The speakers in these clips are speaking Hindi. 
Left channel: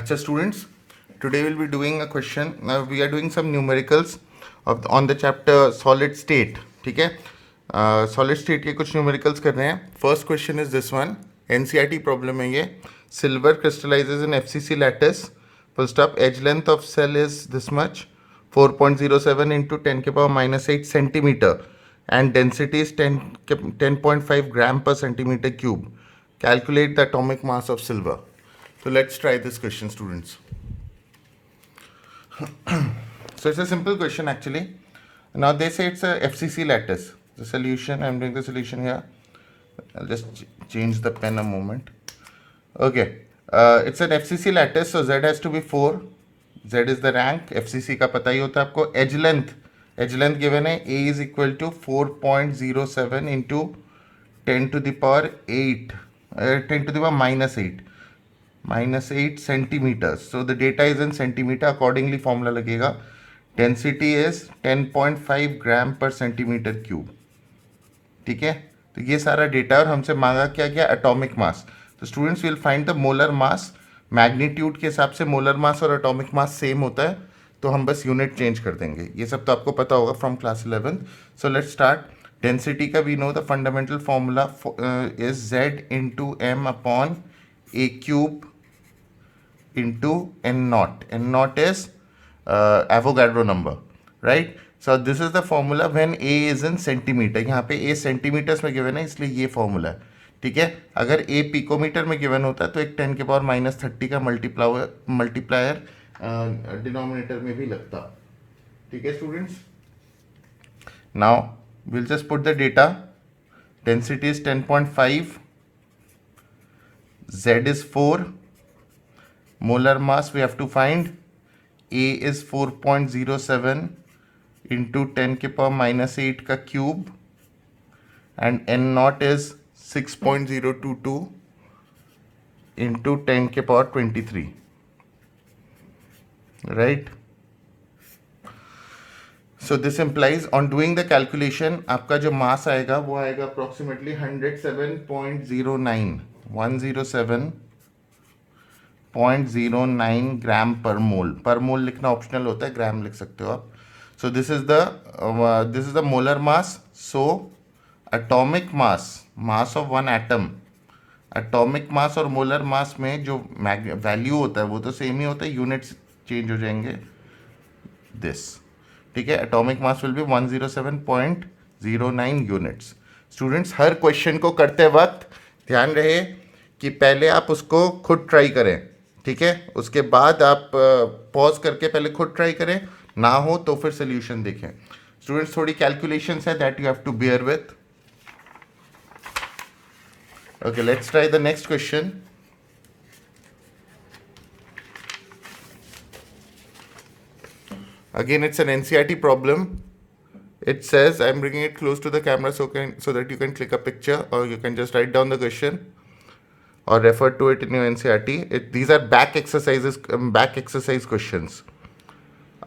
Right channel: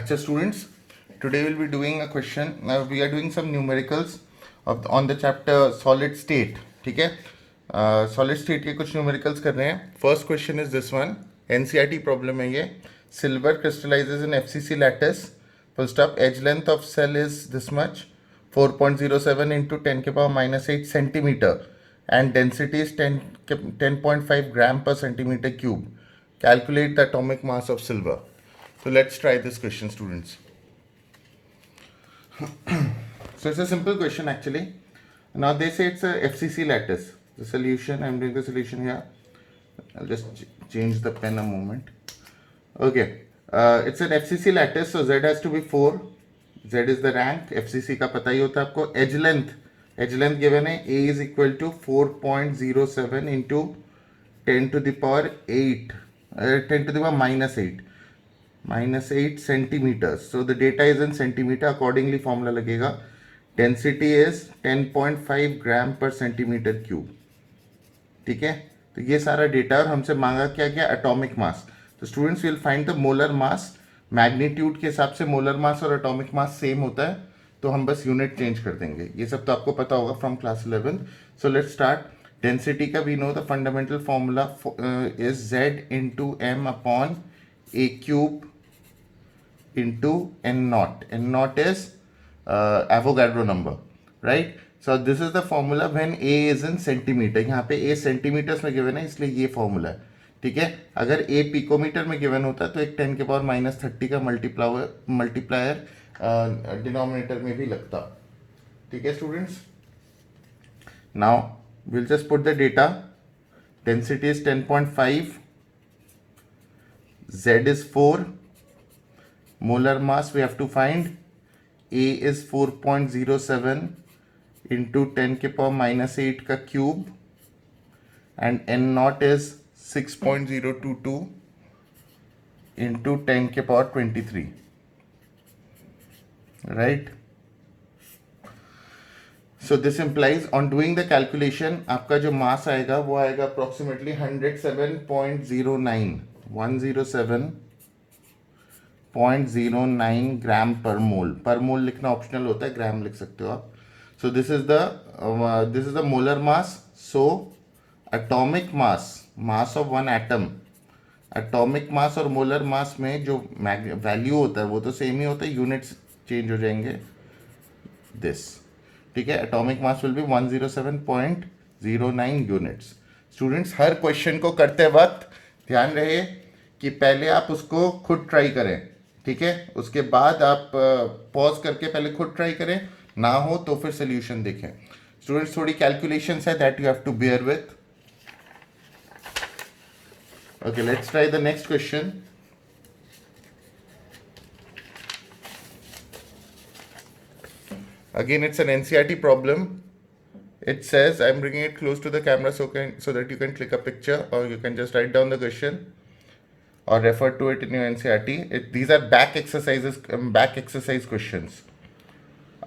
Acha students, today we'll be doing a question. Now we are doing some numericals on the chapter solid state. ठीक है, solid state के कुछ numericals कर रहे हैं. First question is this one. NCERT problem है ये. Silver crystallizes in FCC lattice. Full stop. Edge length of cell is this much, 4.07 into 10 के power minus 8 centimeter, and density is 10.5 gram per centimeter cube. Calculate the atomic mass of silver. So let's try this question, students. So it's a simple question actually. Now they say it's a FCC lattice. The solution, I'm doing the solution here. I'll just change the pen a moment. Okay, it's an FCC lattice, so Z has to be 4. Z is the rank. FCC का पता ही होता है आपको. Edge length given है. A is equal to 4.07 into 10 to the power 8. 10 to the power minus 8. Minus 8 centimeters. So the data is in centimeter. Accordingly formula लगेगा. Density is 10.5 gram per centimeter cube. ठीक है, तो ये सारा डेटा और हमसे मांगा क्या क्या एटॉमिक मास. तो students will find the molar mass. Magnitude के हिसाब से मोलर मास और एटॉमिक मास सेम होता है, तो हम बस यूनिट चेंज कर देंगे. ये सब तो आपको पता होगा फ्रॉम class 11. So let's start. Density का we know the fundamental formula is Z into M upon A cube into n naught. N naught is Avogadro number, right? So this is the formula when A is in centimeter. यहाँ पे A सेंटीमीटर्स में गिवन है, इसलिए ये फॉर्मूला है. ठीक है, अगर A पिकोमीटर में गिवन होता है तो एक 10 के पावर माइनस 30 का मल्टीप्लायर डिनोमिनेटर में भी लगता. ठीक है students, now will just put the data. Density is 10.5, Z is 4. Molar mass we have to find. A is 4.07 into 10 के power minus 8 का cube, and N naught is 6.022 into 10 के power 23, right? So this implies on doing the calculation आपका जो mass आएगा वो आएगा approximately 107.09 107.09 ग्राम पर मोल. पर मोल लिखना ऑप्शनल होता है, ग्राम लिख सकते हो आप. So this is the molar mass. So atomic mass of one atom. Atomic mass और मोलर मास में जो वैल्यू होता है वो तो सेम ही होता है, यूनिट्स चेंज हो जाएंगे. दिस ठीक है, atomic mass will be 107.09 units. Students her question को करते वक्त ध्यान रहे कि पहले आप उसको खुद ट्राई करें. ठीक है, उसके बाद आप पॉज करके पहले खुद ट्राई करें, ना हो तो फिर सोल्यूशन देखें. स्टूडेंट्स थोड़ी कैलकुलेशंस है that you have to bear with. Okay, let's try the next question. Again, it's an NCERT problem. It says, I'm bringing it close to the camera so that you can click a picture, or you can just write down the question or refer to it in your NCERT. These are back exercise questions.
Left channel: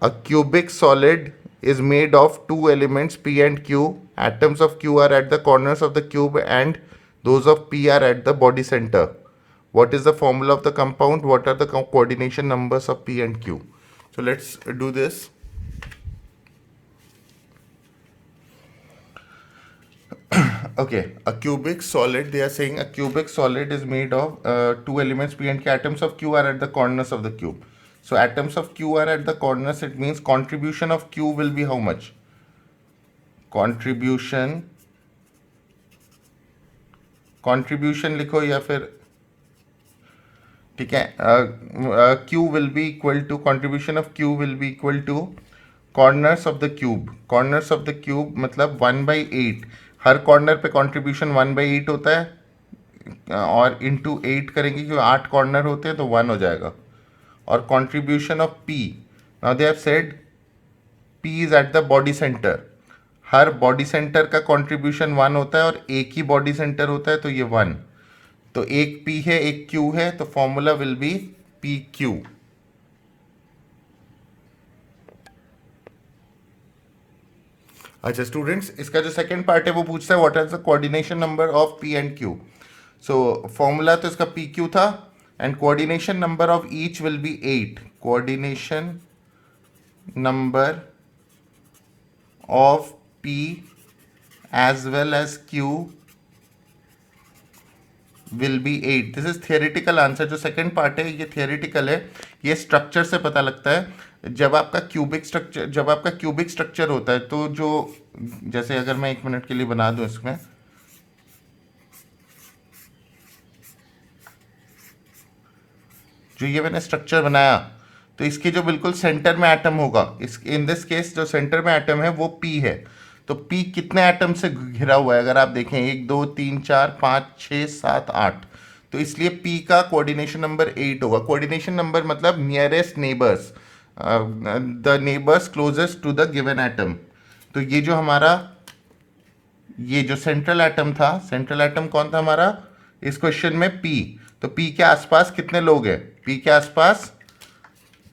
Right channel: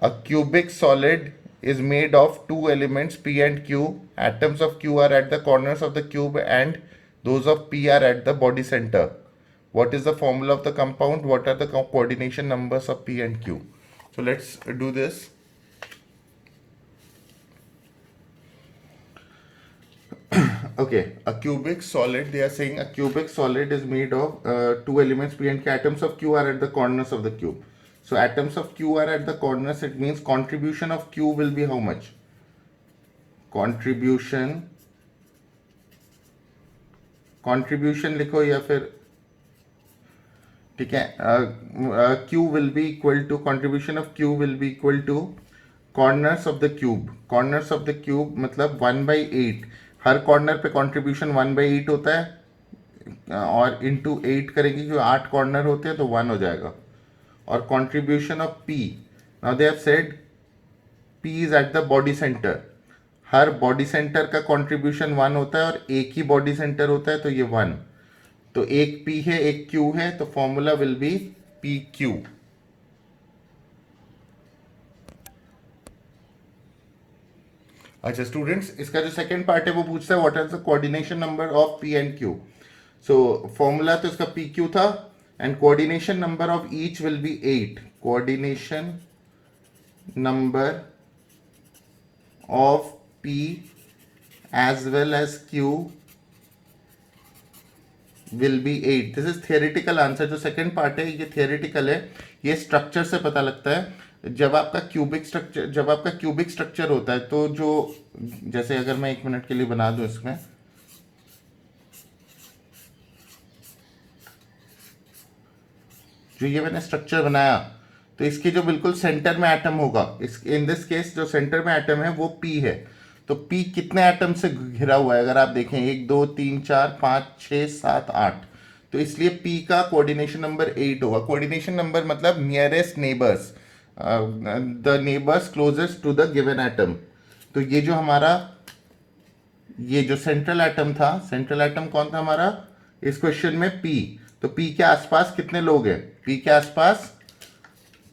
A cubic solid is made of two elements P and Q. Atoms of Q are at the corners of the cube and those of P are at the body center. What is the formula of the compound? What are the coordination numbers of P and Q? So let's do this. Okay, a cubic solid, they are saying a cubic solid is made of two elements P and Q. Atoms of Q are at the corners of the cube. So atoms of Q are at the corners, it means contribution of Q will be how much? Contribution लिखो या फिर ठीक है, Q will be equal to, contribution of Q will be equal to corners of the cube. Corners of the cube मतलब 1/8. हर कॉर्नर पे कंट्रीब्यूशन 1/8 होता है, और इंटू 8 करेंगे क्योंकि 8 कॉर्नर होते हैं तो 1 हो जाएगा. और contribution of P, now they have said P is at the body centre. Her body centre का कंट्रीब्यूशन 1 होता है और एक ही बॉडी सेंटर होता है, तो ये 1. तो एक P है एक Q है, तो फॉर्मूला विल बी PQ. अच्छा स्टूडेंट्स, इसका जो सेकंड पार्ट है वो पूछता है what is the coordination number of P and Q. So formula तो इसका PQ था, and coordination number of each will be 8. Coordination number of P as well as Q will be 8. This is theoretical answer. जो सेकंड पार्ट है ये थियोरिटिकल है. ये स्ट्रक्चर से पता लगता है. जब आपका क्यूबिक स्ट्रक्चर होता है तो जो, जैसे अगर मैं 1 मिनट के लिए बना दूं इसमें, जो ये मैंने स्ट्रक्चर बनाया, तो इसके जो बिल्कुल सेंटर में एटम होगा, इस इन दिस केस जो सेंटर में एटम है वो P है. तो P कितने एटम से घिरा हुआ है अगर आप देखें, 1 2 3 4 5 6 7 8. तो इसलिए P का कोऑर्डिनेशन नंबर 8 होगा. कोऑर्डिनेशन नंबर मतलब nearest neighbours, the neighbours closest to the given atom. तो ये जो हमारा, ये जो सेंट्रल एटम था, सेंट्रल एटम कौन था हमारा इस क्वेश्चन में? P. तो P के आसपास कितने लोग हैं? P के आसपास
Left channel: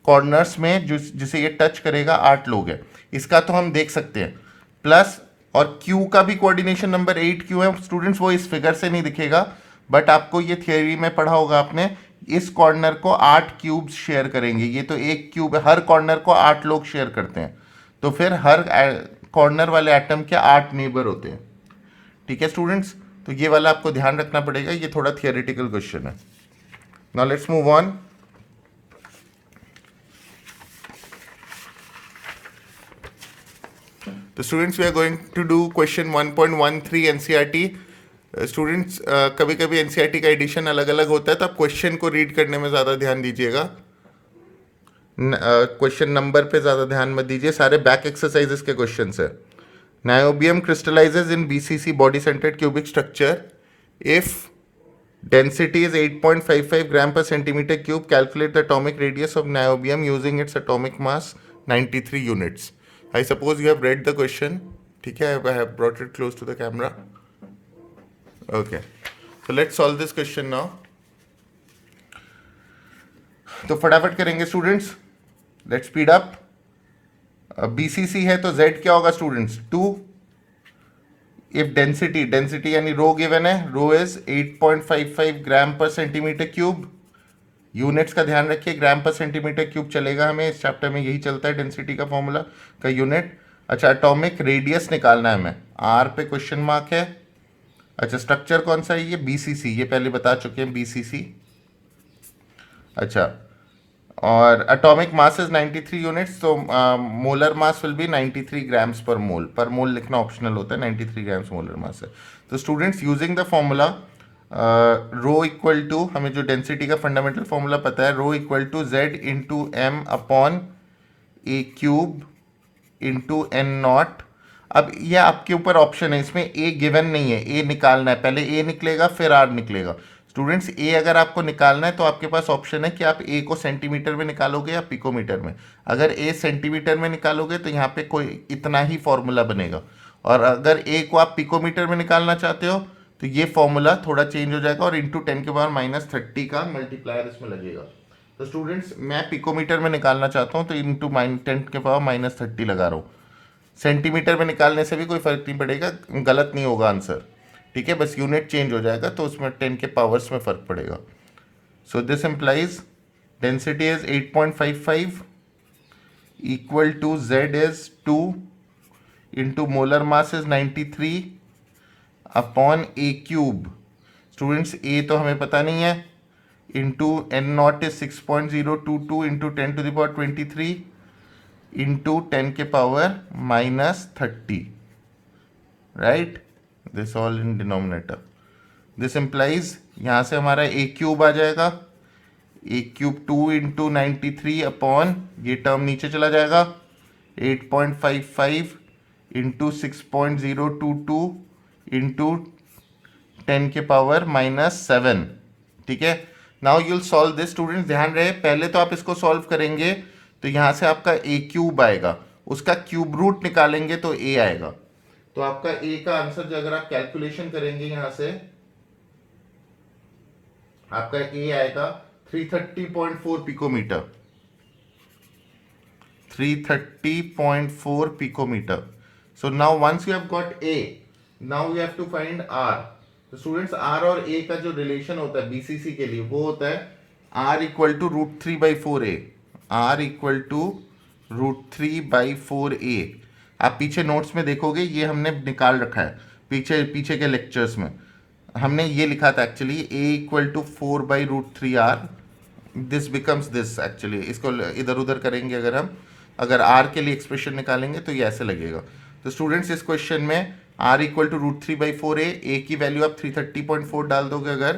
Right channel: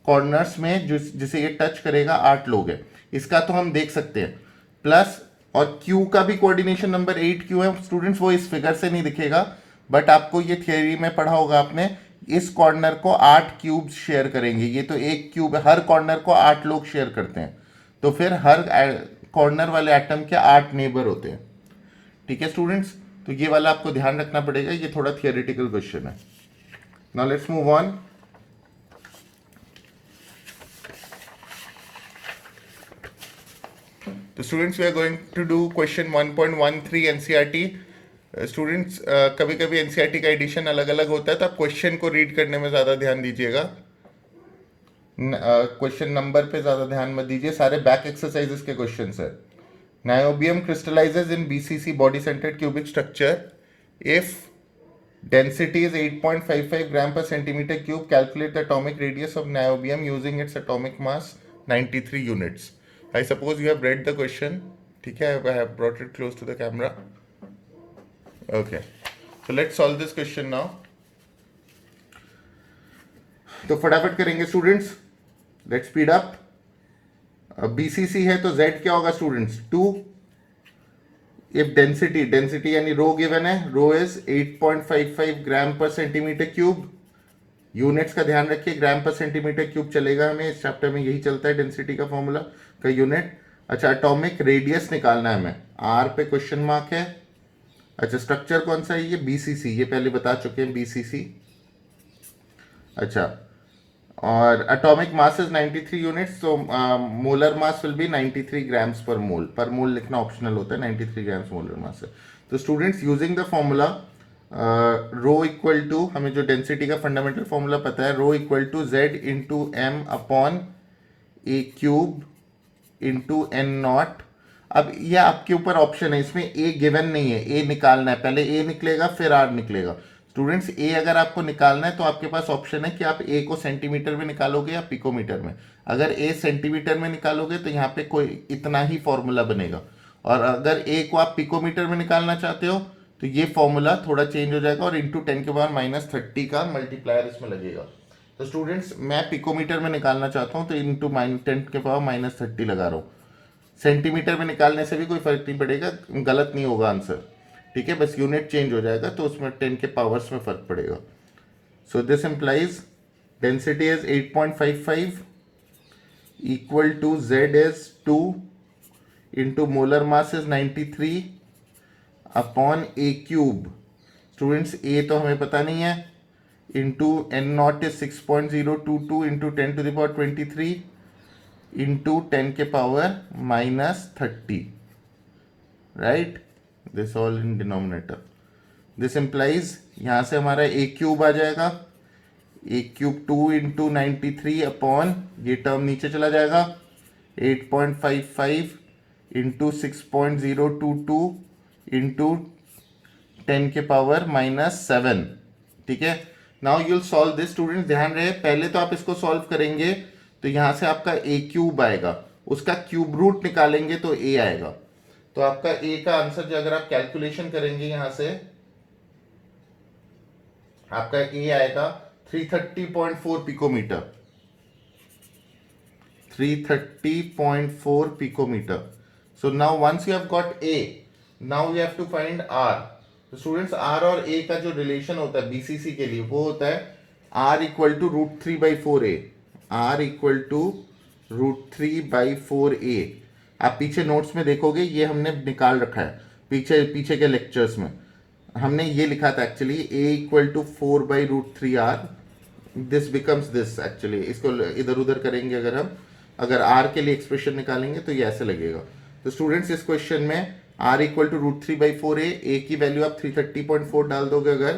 कॉर्नर्स में जिसे ये टच करेगा 8 लोग हैं. इसका तो हम देख सकते हैं. प्लस और Q का भी कोऑर्डिनेशन नंबर 8 क्यों है स्टूडेंट्स? वो इस फिगर से नहीं दिखेगा, बट आपको ये थियोरी में पढ़ा होगा आपने. इस कॉर्नर को 8 क्यूब्स शेयर करेंगे. ये तो एक क्यूब, हर कॉर्नर को 8 लोग शेयर करते हैं. तो फिर हर कॉर्नर वाले एटम के 8 नेबर होते हैं. ठीक है स्टूडेंट्स, तो ये वाला आपको ध्यान रखना पड़ेगा. ये थोड़ा थियोरिटिकल क्वेश्चन है. Now let's move on. तो students we are going to do question 1.13 NCERT. Students कभी कभी एनसीईआरटी का एडिशन अलग अलग होता है, तो आप क्वेश्चन को रीड करने में ज़्यादा ध्यान दीजिएगा. क्वेश्चन नंबर पे ज़्यादा ध्यान मत दीजिए. सारे बैक एक्सरसाइजेस के क्वेश्चन है. Niobium crystallises in BCC body centred cubic structure if density is 8.55 gram per centimeter cube. Calculate the atomic radius of niobium using its atomic mass 93 units. I suppose you have read the question. ठीक है, I have brought it close to the camera. Okay, so let's solve this question now. तो फटाफट करेंगे students. Let's speed up. BCC है तो Z क्या होगा स्टूडेंट्स? 2. इफ डेंसिटी यानी रो गिवन है, रो इज 8.55 ग्राम पर सेंटीमीटर क्यूब. यूनिट्स का ध्यान रखिए, ग्राम पर सेंटीमीटर क्यूब चलेगा. हमें इस चैप्टर में यही चलता है डेंसिटी का फॉर्मूला का यूनिट. अच्छा, एटॉमिक रेडियस निकालना है हमें. आर पे क्वेश्चन मार्क है. अच्छा, स्ट्रक्चर कौन सा है? ये BCC, ये पहले बता चुके हैं BCC. अच्छा, और एटॉमिक मास इज 93 यूनिट्स, तो molar mass will be 93 grams पर मोल. पर मोल लिखना ऑप्शनल होता है. 93 ग्राम्स मोलर मास है. तो students using the formula rho equal to, हमें जो डेंसिटी का फंडामेंटल फॉर्मूला पता है, rho equal to Z into M upon A cube into N naught. अब ये आपके ऊपर ऑप्शन है, इसमें A गिवन नहीं है. A निकालना है, पहले A निकलेगा फिर R निकलेगा. स्टूडेंट्स A अगर आपको निकालना है तो आपके पास ऑप्शन है कि आप A को सेंटीमीटर में निकालोगे या पिकोमीटर में. अगर A सेंटीमीटर में निकालोगे तो यहाँ पे कोई इतना ही फॉर्मूला बनेगा, और अगर A को आप पिकोमीटर में निकालना चाहते हो तो ये फॉर्मूला थोड़ा चेंज हो जाएगा और इंटू 10 के पावर -30 का मल्टीप्लायर इसमें लगेगा. तो स्टूडेंट्स मैं पिकोमीटर में निकालना चाहता हूँ तो इंटू 10 के पावर -30 लगा रहा हूँ. सेंटीमीटर में निकालने से भी कोई फर्क नहीं पड़ेगा, गलत नहीं होगा आंसर. ठीक है, बस यूनिट चेंज हो जाएगा तो उसमें 10 के पावर्स में फर्क पड़ेगा. So this implies density is 8.55 equal to Z is 2 into molar mass is 93 upon A cube. Students A तो हमें पता नहीं है, into N naught is 6.022 into 10 to the power 23 into 10 के power -30. Right, this all in denominator. This implies यहाँ से हमारा A क्यूब आ जाएगा. A क्यूब 2 इंटू 93 अपॉन, ये टर्म नीचे चला जाएगा, 8.55 इंटू 6.022 इंटू 10 के पावर -7. ठीक है, now you'll solve this. Students ध्यान रहे, पहले तो आप इसको सॉल्व करेंगे तो यहाँ से आपका A क्यूब आएगा, उसका क्यूब रूट निकालेंगे तो A आएगा. तो आपका A का आंसर जो अगर आप कैलकुलेशन करेंगे यहां से, आपका A आएगा 330.4 picometer. 330.4 picometer. So now once you have got A, now you have to find R. तो स्टूडेंट्स R और A का जो रिलेशन होता है BCC के लिए वो होता है R equal to √3/4a, R equal to √3/4a। आप पीछे नोट्स में देखोगे ये हमने निकाल रखा है, पीछे पीछे के लेक्चर्स में हमने ये लिखा था actually, a equal to 4/√3r, this becomes this actually. इसको इधर उधर करेंगे अगर हम, अगर r के लिए एक्सप्रेशन निकालेंगे तो ये ऐसे लगेगा। तो स्टूडेंट्स इस क्वेश्चन में r equal to √3/4a, a की वैल्यू आप 330.4 डाल दोगे अगर,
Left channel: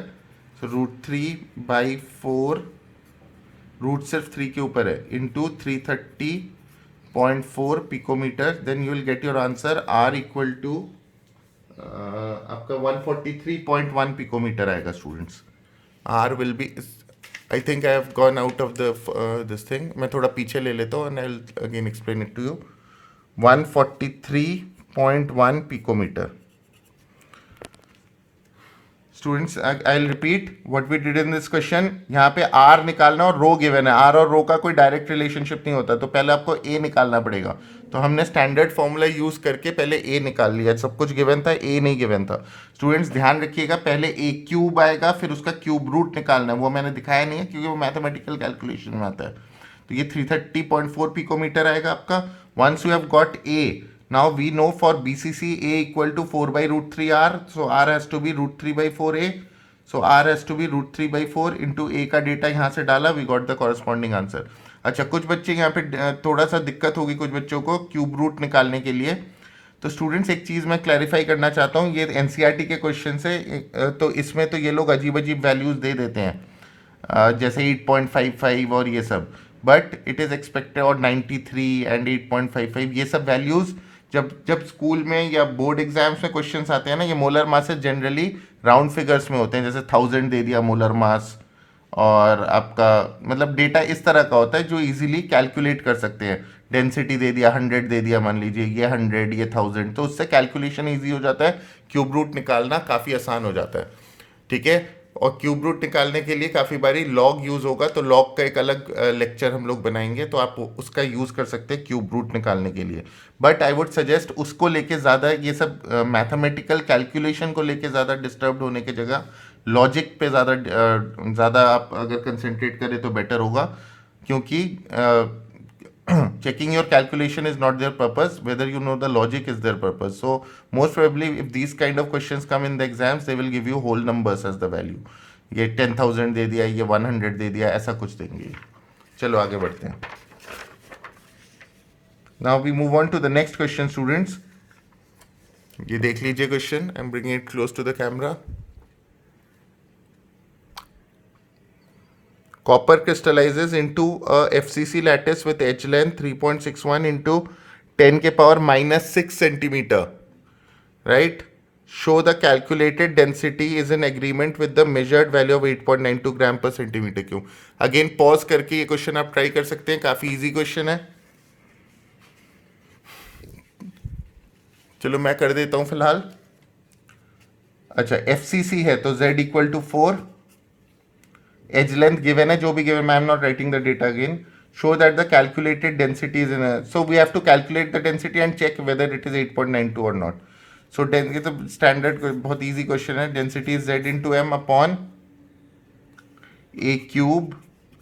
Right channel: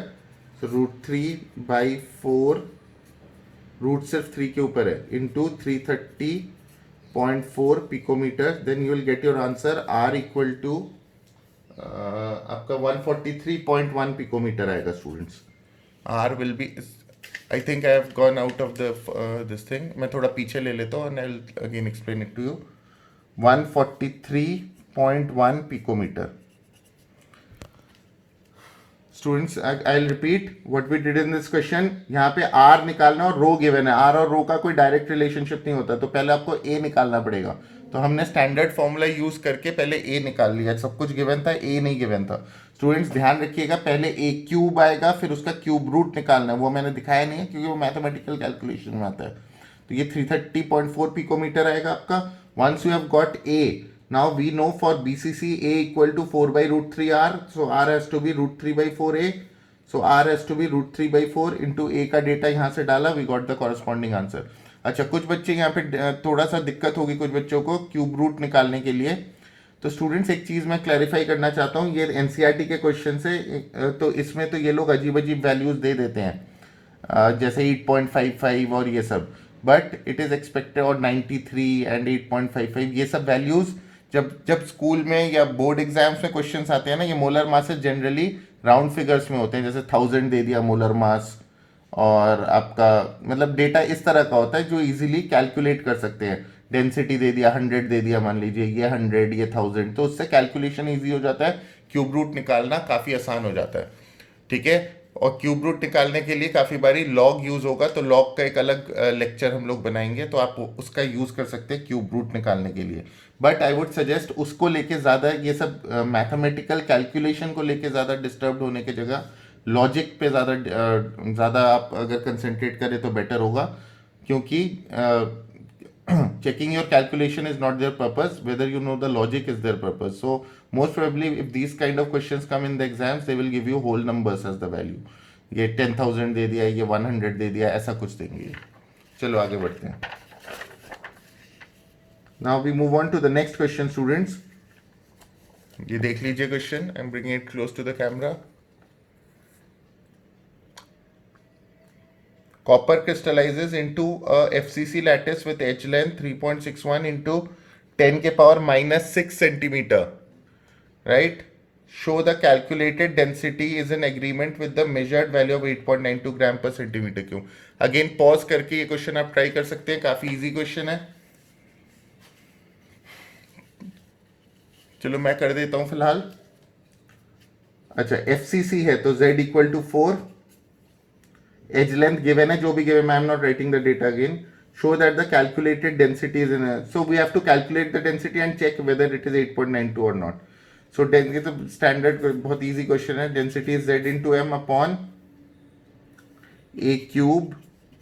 तो √3/4, रूट सिर्फ 3 के ऊपर है, into 330.4 picometer, then you will get your answer r equal to आपका 143.1 पिकोमीटर आएगा students. r will be, I think I have gone out of the this thing, मैं थोड़ा पीछे ले लेता हूँ and I will again explain it to you. 143.1 picometer. Students I will repeat what we did in this question. यहाँ पे r निकालना और रो गिवन है, r और रो का कोई डायरेक्ट रिलेशनशिप नहीं होता, तो पहले आपको a निकालना पड़ेगा। तो हमने स्टैंडर्ड फॉर्मूला यूज करके पहले a निकाल लिया, सब कुछ गिवन था, a नहीं गिवन था। स्टूडेंट्स ध्यान रखिएगा, पहले a क्यूब आएगा, फिर उसका क्यूब रूट निकालना है, वो मैंने दिखाया नहीं है क्योंकि वो मैथमेटिकल कैलकुलेशन में आता है। तो ये 330.4 पिकोमीटर आएगा आपका। Once you have got a, now we know for BCC a equal to 4/√3r, so r has to be √3/4a, so r has to be √3/4 into a का डेटा यहाँ से डाला, we got the corresponding answer। अच्छा, कुछ बच्चे यहाँ पे थोड़ा सा दिक्कत होगी कुछ बच्चों को क्यूब रूट निकालने के लिए। तो स्टूडेंट्स एक चीज़ मैं क्लैरिफाई करना चाहता हूँ, ये एनसीईआरटी के क्वेश्चन से, तो इसमें तो ये लोग अजीब अजीब वैल्यूज़ दे देते हैं, जैसे 8.55 और ये सब, बट इट इज़ एक्सपेक्टेड, और 93 एंड 8.55, ये सब वैल्यूज़ जब स्कूल में या बोर्ड एग्जाम्स में क्वेश्चंस आते हैं ना, ये molar masses generally round figures में होते हैं, जैसे 1000 दे दिया मोलर मास, और आपका मतलब डेटा इस तरह का होता है जो इजीली कैलकुलेट कर सकते हैं। डेंसिटी दे दिया 100 दे दिया, मान लीजिए ये 100 ये 1000, तो उससे कैलकुलेशन ईजी हो जाता है, क्यूब रूट निकालना काफ़ी आसान हो जाता है, ठीक है। और क्यूब रूट निकालने के लिए काफ़ी बारी लॉग यूज़ होगा, तो लॉग का एक अलग लेक्चर हम लोग बनाएंगे, तो आप उसका यूज़ कर सकते हैं क्यूब रूट निकालने के लिए। बट आई वुड सजेस्ट उसको लेके ज़्यादा, ये सब मैथमेटिकल कैलकुलेशन को लेके ज़्यादा डिस्टर्ब होने की जगह लॉजिक पे ज़्यादा आप अगर कंसंट्रेट करें तो बेटर होगा, क्योंकि checking your calculation is not their purpose, whether you know the logic is their purpose. So most probably if these kind of questions come in the exams, they will give you whole numbers as the value, ये 10,000 दे दिया, ये 100 दे दिया, ऐसा कुछ देंगे। चलो आगे बढ़ते हैं। Now we move on to the next question, students. ये देख लीजिए question, I am bringing it close to the camera. Copper crystallizes into a FCC lattice with edge length 3.61 into 10 के power -6 centimeter, right? Show the calculated density is in agreement with the measured value of 8.92 gram per centimeter cube. Again pause करके ये क्वेश्चन आप ट्राई कर सकते हैं, काफ़ी इजी क्वेश्चन है। चलो मैं कर देता हूँ फिलहाल। अच्छा, FCC है तो Z equal to 4, edge length given है, जो भी given, I am not writing the data again. Show that the calculated density is in, so we have to calculate the density and check whether it is 8.92 और नॉट। सो ये तो स्टैंडर्ड बहुत इजी क्वेश्चन है। Density is Z into M upon A cube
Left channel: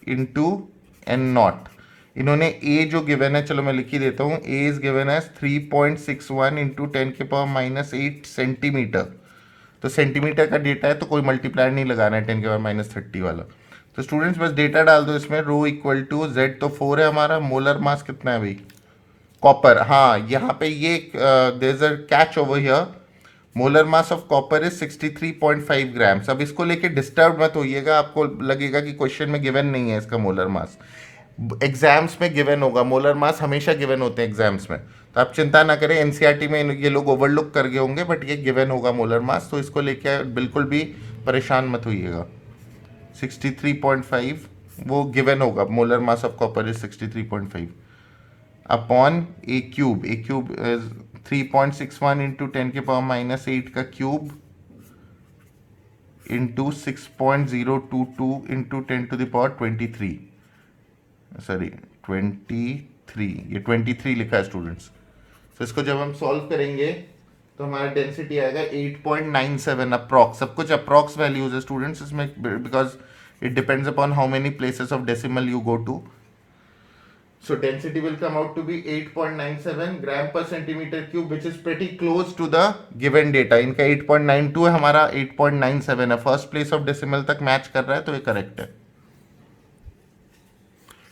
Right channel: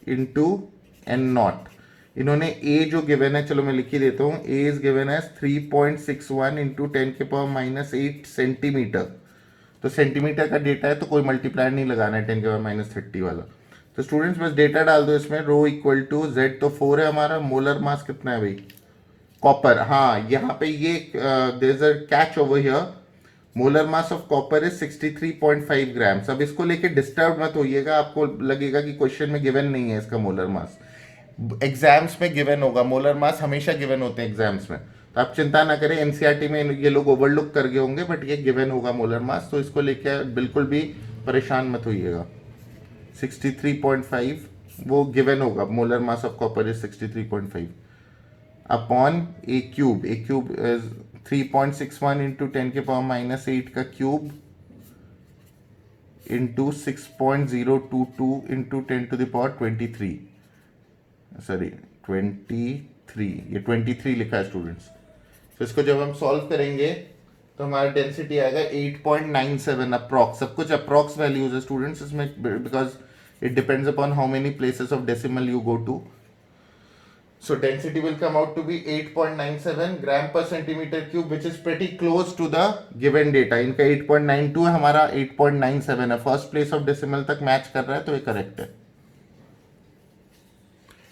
into N naught. इन्होंने ए जो गिवन है, चलो मैं लिख ही देता हूँ, ए इज गिवन है 3.61 इंटू 10 के पावर -8 सेंटीमीटर। तो सेंटीमीटर का डेटा है तो कोई मल्टीप्लायर नहीं लगाना है 10 के पावर -30 वाला। तो स्टूडेंट्स बस डेटा डाल दो इसमें, रो इक्वल टू Z तो 4 है हमारा, मोलर मास कितना है भाई, कॉपर, हाँ यहाँ पे ये there is a catch over here, molar mass of copper is 63.5 grams. अब इसको लेके डिस्टर्ब मत होइएगा, आपको लगेगा कि क्वेश्चन में गिवन नहीं है इसका मोलर मास, एग्जाम्स में गिवन होगा, मोलर मास हमेशा गिवन होते हैं एग्जाम्स में, तो आप चिंता ना करें, एनसीईआरटी में ये लोग ओवरलुक कर गए होंगे, बट ये गिवन होगा मोलर मास, तो इसको लेके बिल्कुल भी परेशान मत होइएगा। 63.5 वो गिवन होगा, molar mass of copper is 63.5 upon A cube, A cube 3.61 into 10 के पावर -8 का cube into 6.022 into 10 to the power 23, sorry 23, ये 23 लिखा है स्टूडेंट्स। तो इसको जब हम सॉल्व करेंगे तो हमारा डेंसिटी आएगा 8.97 अप्रॉक्स, सब कुछ अप्रॉक्स वैल्यूज है स्टूडेंट्स इसमें, because It depends upon how many places of decimal you go to. So density will come out to be 8.97 gram per centimeter cube, which is pretty close to the given data. इनका 8.92 है, हमारा 8.97 है. फर्स्ट प्लेस ऑफ डेसिमल तक मैच कर रहा है, तो ये करेक्ट है.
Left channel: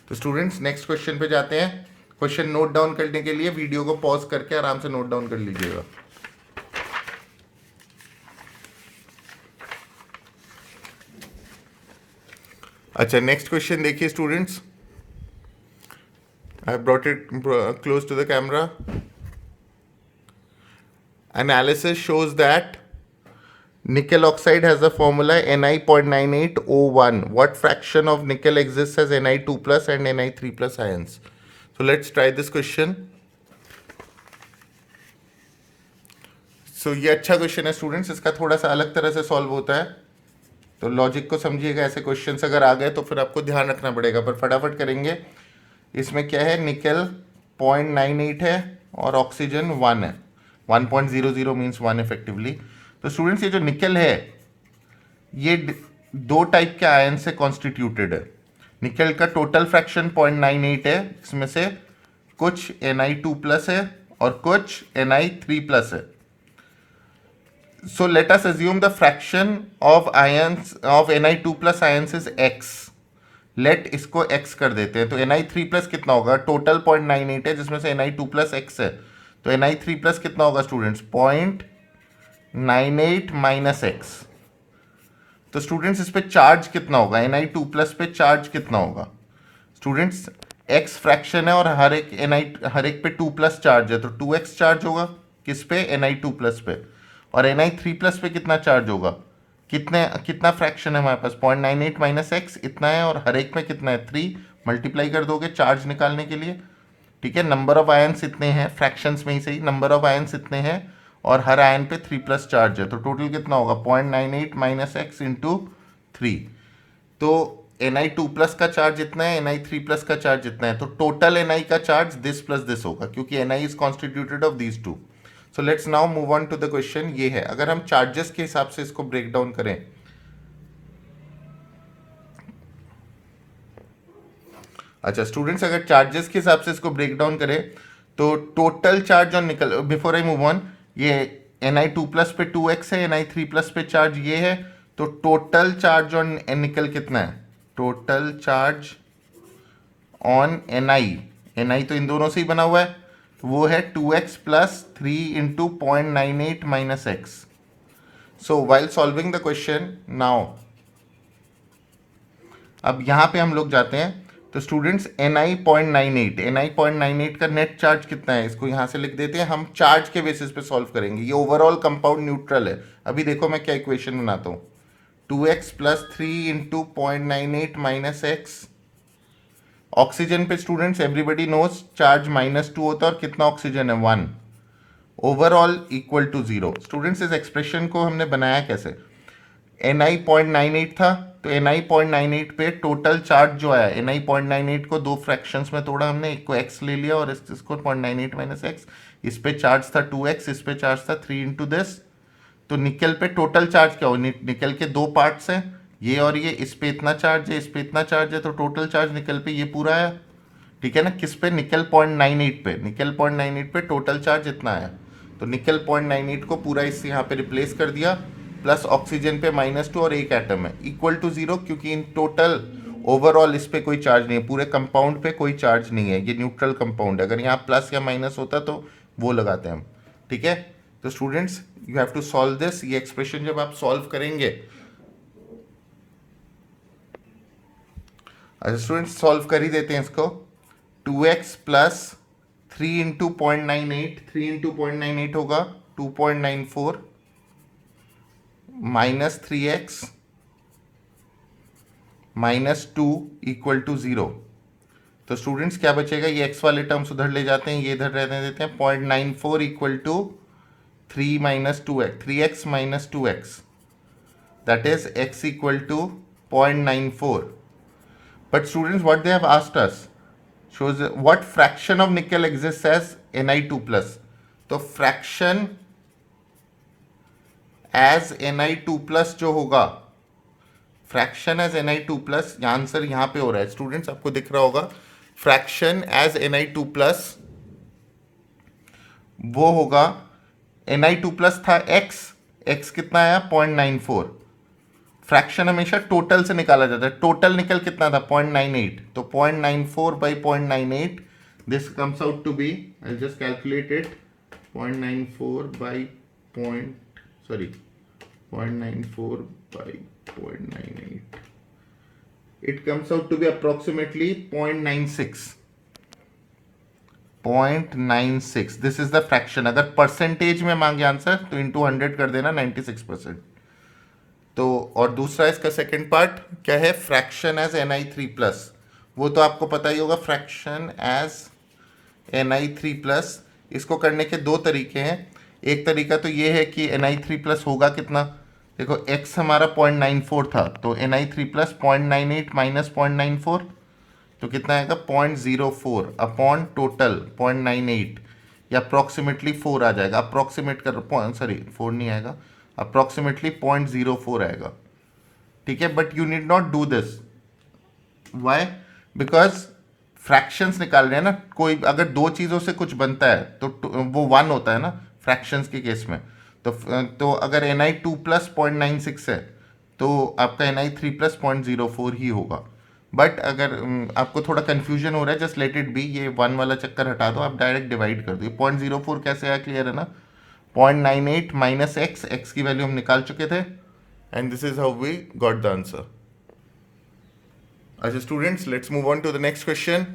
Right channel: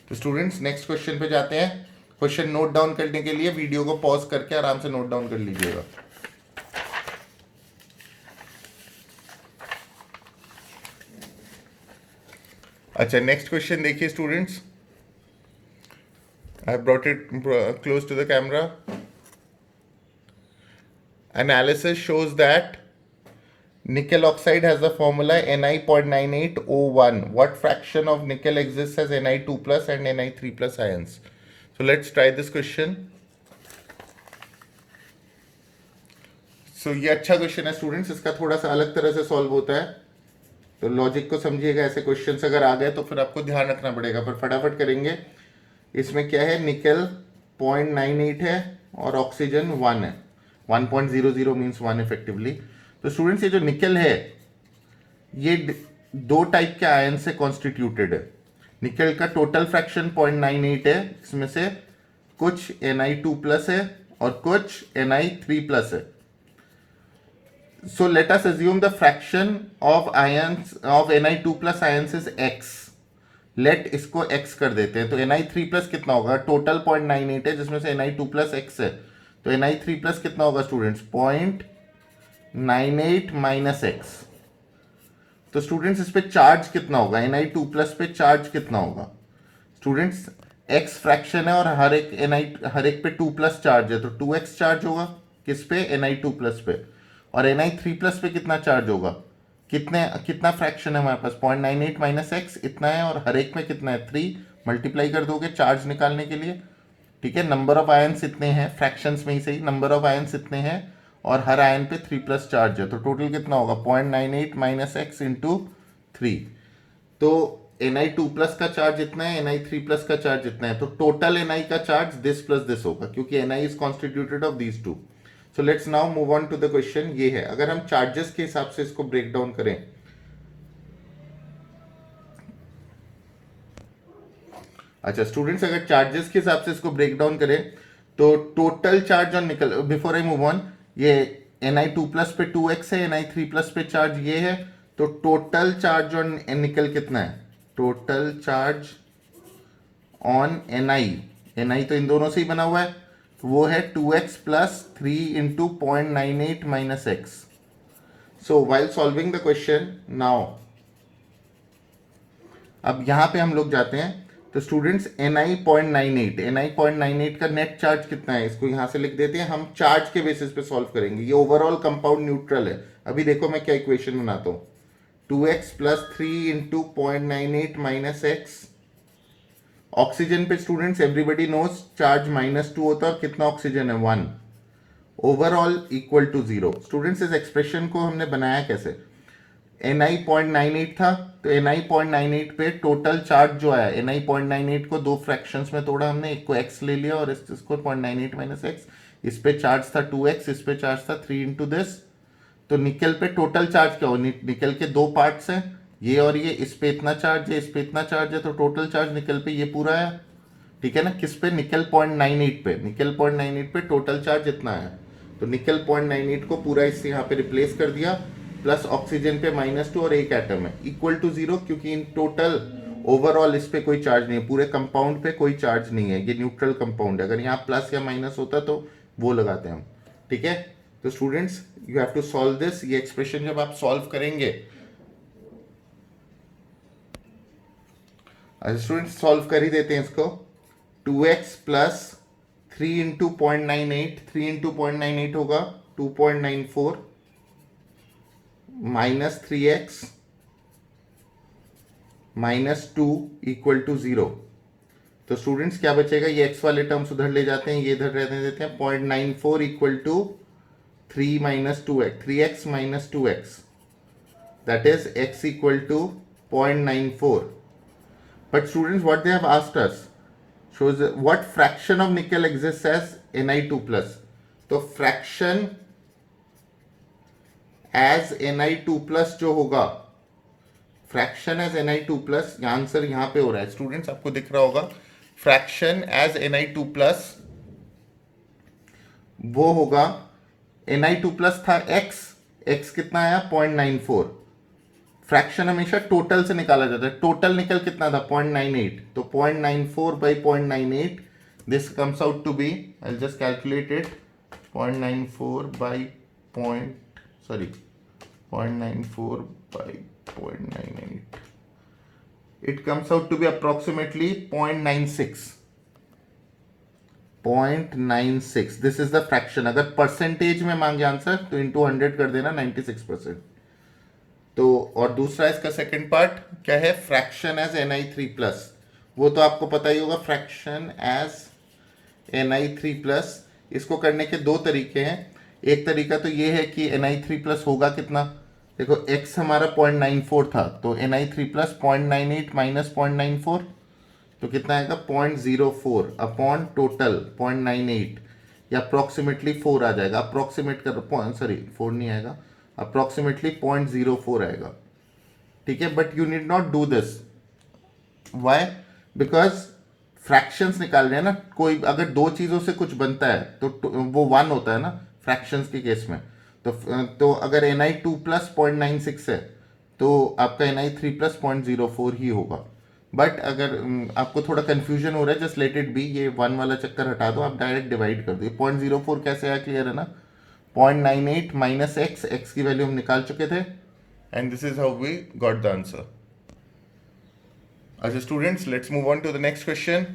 तो स्टूडेंट्स नेक्स्ट क्वेश्चन पे जाते हैं. क्वेश्चन नोट डाउन करने के लिए वीडियो को पॉज करके आराम से नोट डाउन कर लीजिएगा. अच्छा, नेक्स्ट क्वेश्चन देखिए students. I have brought it close to the camera. Analysis shows that nickel oxide has the formula Ni.9801. What fraction of nickel exists as Ni2 plus and Ni3 plus ions? So let's try this question. So ये अच्छा क्वेश्चन है स्टूडेंट्स. इसका थोड़ा सा अलग तरह से सॉल्व होता है, तो लॉजिक को समझिएगा. ऐसे क्वेश्चंस अगर आ गए तो फिर आपको ध्यान रखना पड़ेगा, पर फटाफट करेंगे. इसमें क्या है, निकल 0.98 है और ऑक्सीजन 1 है. 1.00 मीन्स 1 इफेक्टिवली. तो स्टूडेंट्स ये जो निकल है ये दो टाइप के आयन से कॉन्स्टिट्यूटेड है. निकल का टोटल फ्रैक्शन 0.98 है, इसमें से कुछ Ni2 प्लस है और कुछ Ni3 प्लस है. So let us assume the fraction of ions of Ni2 plus ions is x. Let इसको x कर देते हैं. तो Ni3 प्लस कितना होगा, टोटल 0.98 है जिसमें से Ni2 प्लस x है, तो Ni3 प्लस कितना होगा स्टूडेंट्स, 0.98 माइनस x. तो स्टूडेंट्स इस पे चार्ज कितना होगा, Ni2 प्लस पे चार्ज कितना होगा स्टूडेंट्स. x फ्रैक्शन है और हर एक पे 2 प्लस चार्ज है, तो 2x चार्ज होगा किस पे, Ni2 प्लस पे. और Ni3 प्लस पे कितना चार्ज होगा, कितना फ्रैक्शन है हमारे पास, 0.98 माइनस एक्स इतना है, और हर एक में कितना है 3. मल्टीप्लाई कर दोगे चार्ज निकालने के लिए. ठीक है, नंबर ऑफ आयन्स इतने हैं, फ्रैक्शंस में ही सही, नंबर ऑफ आयन्स इतने हैं और हर आयन पे 3 प्लस चार्ज है, तो टोटल कितना होगा 0.98 माइनस एक्स इंटू 3. तो Ni2 प्लस का चार्ज इतना है, Ni3 प्लस का चार्ज इतना है, तो टोटल Ni का चार्ज दिस प्लस दिस होगा, क्योंकि Ni is constituted of these two. So let's now move on to the question. ये है, अगर हम चार्जेस के हिसाब से इसको ब्रेक डाउन करें. अच्छा स्टूडेंट्स, अगर चार्जेस के हिसाब से इसको ब्रेक डाउन करें तो टोटल चार्ज ऑन निकल, बिफोर आई मूव ऑन, ये Ni2 प्लस पे 2x है, Ni3 प्लस पे चार्ज ये है, तो टोटल चार्ज ऑन निकल कितना है, टोटल चार्ज ऑन Ni तो इन दोनों से ही बना हुआ है, वो है 2x plus 3 into 0.98 minus x. So while solving the question now, अब यहां पे हम लोग जाते हैं. तो स्टूडेंट्स Ni.98 का नेट चार्ज कितना है, इसको यहां से लिख देते हैं. हम चार्ज के बेसिस पे सॉल्व करेंगे. ये ओवरऑल कंपाउंड न्यूट्रल है. अभी देखो मैं क्या इक्वेशन बनाता हूं. 2x plus 3 into 0.98 minus x. Oxygen पे स्टूडेंट्स एवरीबडी नोज चार्ज -2 होता है और कितना ऑक्सीजन है 1. Overall equal to 0. स्टूडेंट्स इस एक्सप्रेशन को हमने बनाया कैसे, Ni 0.98 था, तो Ni 0.98 पे टोटल चार्ज जो आया, Ni 0.98 को दो फ्रैक्शंस में तोड़ा हमने, एक को x ले लिया और इसको 0.98 माइनस एक्स. इस पे चार्ज था 2x, इस पे चार्ज था 3 इंटू दिस. तो निकल पे टोटल चार्ज क्या हो, निकल के दो पार्ट्स हैं, ये और ये, इस पे इतना चार्ज है, इस पे इतना चार्ज है, तो टोटल चार्ज निकल पे ये पूरा आया. ठीक है ना, किस पे, निकल 0.98 पे, निकल 0.98 पे टोटल चार्ज इतना आया, तो निकल 0.98 को पूरा इस यहाँ पे रिप्लेस कर दिया, प्लस ऑक्सीजन पे -2 और एक एटम है, इक्वल टू 0, क्योंकि इन टोटल ओवरऑल इस पे कोई चार्ज नहीं है, पूरे कंपाउंड पे कोई चार्ज नहीं है, ये न्यूट्रल कंपाउंड है. अगर यहाँ प्लस या माइनस होता तो वो लगाते हैं हम. ठीक है, तो students you have to solve this. ये एक्सप्रेशन जब आप सॉल्व करेंगे, अच्छा स्टूडेंट्स सॉल्व कर ही देते हैं इसको. 2x प्लस 3 इंटू 0.98, 3 इंटू 0.98 होगा 2.94 माइनस 3x -2 इक्वल टू 0. तो स्टूडेंट्स क्या बचेगा, ये x वाले टर्म्स उधर ले जाते हैं, ये इधर रहने देते हैं. 0.94 equal to 3 minus 2x, 3x minus 2x, that is x equal to 0.94. But students, what they have asked us shows what fraction of nickel exists as Ni2 plus. तो fraction as Ni2 plus जो होगा, फ्रैक्शन एज Na2+, आंसर यहाँ पे हो रहा है स्टूडेंट्स, आपको दिख रहा होगा, फ्रैक्शन एज Na2+, वो होगा Na2+ था x कितना आया 0.94। फ्रैक्शन हमेशा टोटल से निकाला जाता है, टोटल निकल कितना था 0.98, तो 0.94 by 0.98, this comes out to be, I just calculate it, 0.94 by 0.94 by 0.98, it comes out to be approximately 0.96, 0.96, this is the fraction. अगर परसेंटेज में मांगे आंसर तो इंटू 100 कर देना, 96%। तो और दूसरा इसका सेकंड पार्ट क्या है, फ्रैक्शन एज Na3+, वो तो आपको पता ही होगा, फ्रैक्शन एज Na3+, इसको करने के दो तरीके हैं। एक तरीका तो ये है कि Na3+ होगा कितना, देखो x हमारा 0.94 था, तो Na3+ 0.98 माइनस 0.94, तो कितना आएगा 0.04 अपॉन टोटल 0.98, या अप्रॉक्सीमेटली 4 आ जाएगा, अप्रॉक्सीमेट कर, सॉरी 4 नहीं आएगा, अप्रॉक्सीमेटली 0.04 आएगा, ठीक है। But you need not do this, why, because fractions निकाल रहे हैं ना, कोई अगर दो चीज़ों से कुछ बनता है तो वो 1 होता है ना फ्रैक्शंस के केस में, तो अगर Na2+ 0.96 है तो आपका Na3+ 0.04 ही होगा। बट अगर आपको थोड़ा कंफ्यूजन हो रहा है, जस्ट लेट इट बी, ये 1 वाला चक्कर हटा दो, आप डायरेक्ट डिवाइड कर दो। 0.04 कैसे आया, क्लियर है ना, 0.98 माइनस x की वैल्यू हम निकाल चुके थे, and this is how we got the answer. अच्छा students, let's move on to the next question.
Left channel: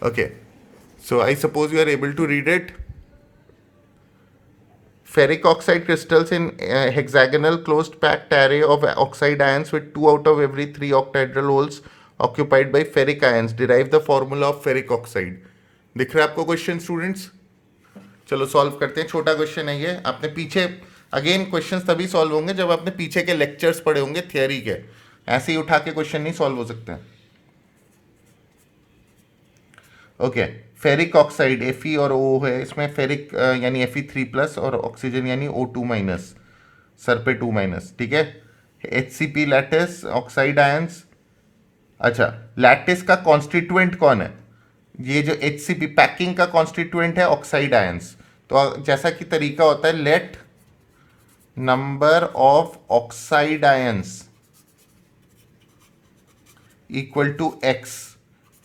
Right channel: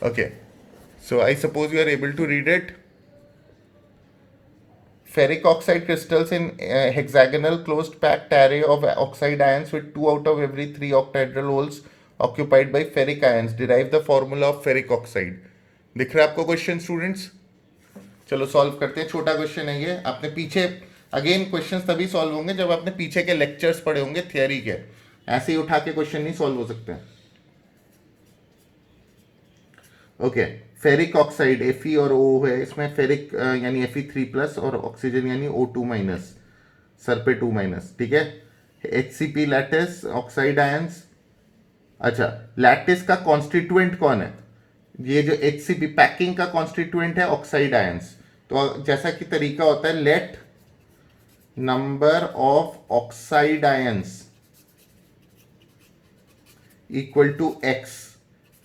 Okay, so I suppose you are able to read it. Ferric oxide crystals in hexagonal closed packed array of oxide ions with 2 out of every 3 octahedral holes occupied by ferric ions derive the formula of ferric oxide। दिख रहा है आपको क्वेश्चन स्टूडेंट्स? चलो सॉल्व करते हैं, छोटा क्वेश्चन है ये, आपने पीछे, अगेन क्वेश्चंस तभी सॉल्व होंगे जब आपने पीछे के लेक्चर्स पढ़े होंगे थियरी के, ऐसे ही उठा के क्वेश्चन नहीं सॉल्व हो सकते हैं। ओके, फेरिक ऑक्साइड Fe और O है, इसमें फेरिक यानी Fe3+ और ऑक्सीजन यानी O2-, सर पे 2-, ठीक है। HCP lattice oxide ions. अच्छा, लैटिस का कॉन्स्टिट्यूएंट कौन है, ये जो HCP पैकिंग का कॉन्स्टिट्यूएंट है ऑक्साइड आयंस। तो जैसा कि तरीका होता है, let number of oxide ions equal to x,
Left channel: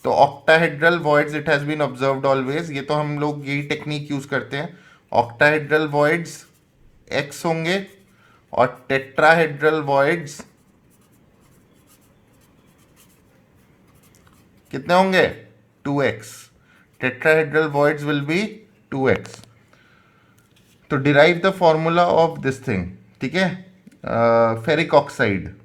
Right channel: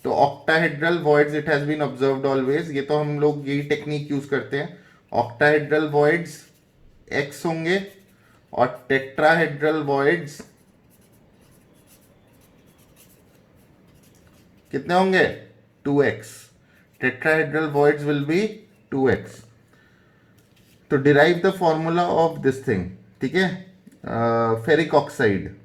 तो octahedral voids it has been observed always, ये तो हम लोग यही टेक्निक यूज करते हैं, ऑक्टाहेड्रल वॉइड्स x होंगे और टेट्राहेड्रल वॉइड्स कितने होंगे 2x, tetrahedral voids will be 2x। तो derive the formula of this thing, ठीक है, फेरिक ऑक्साइड।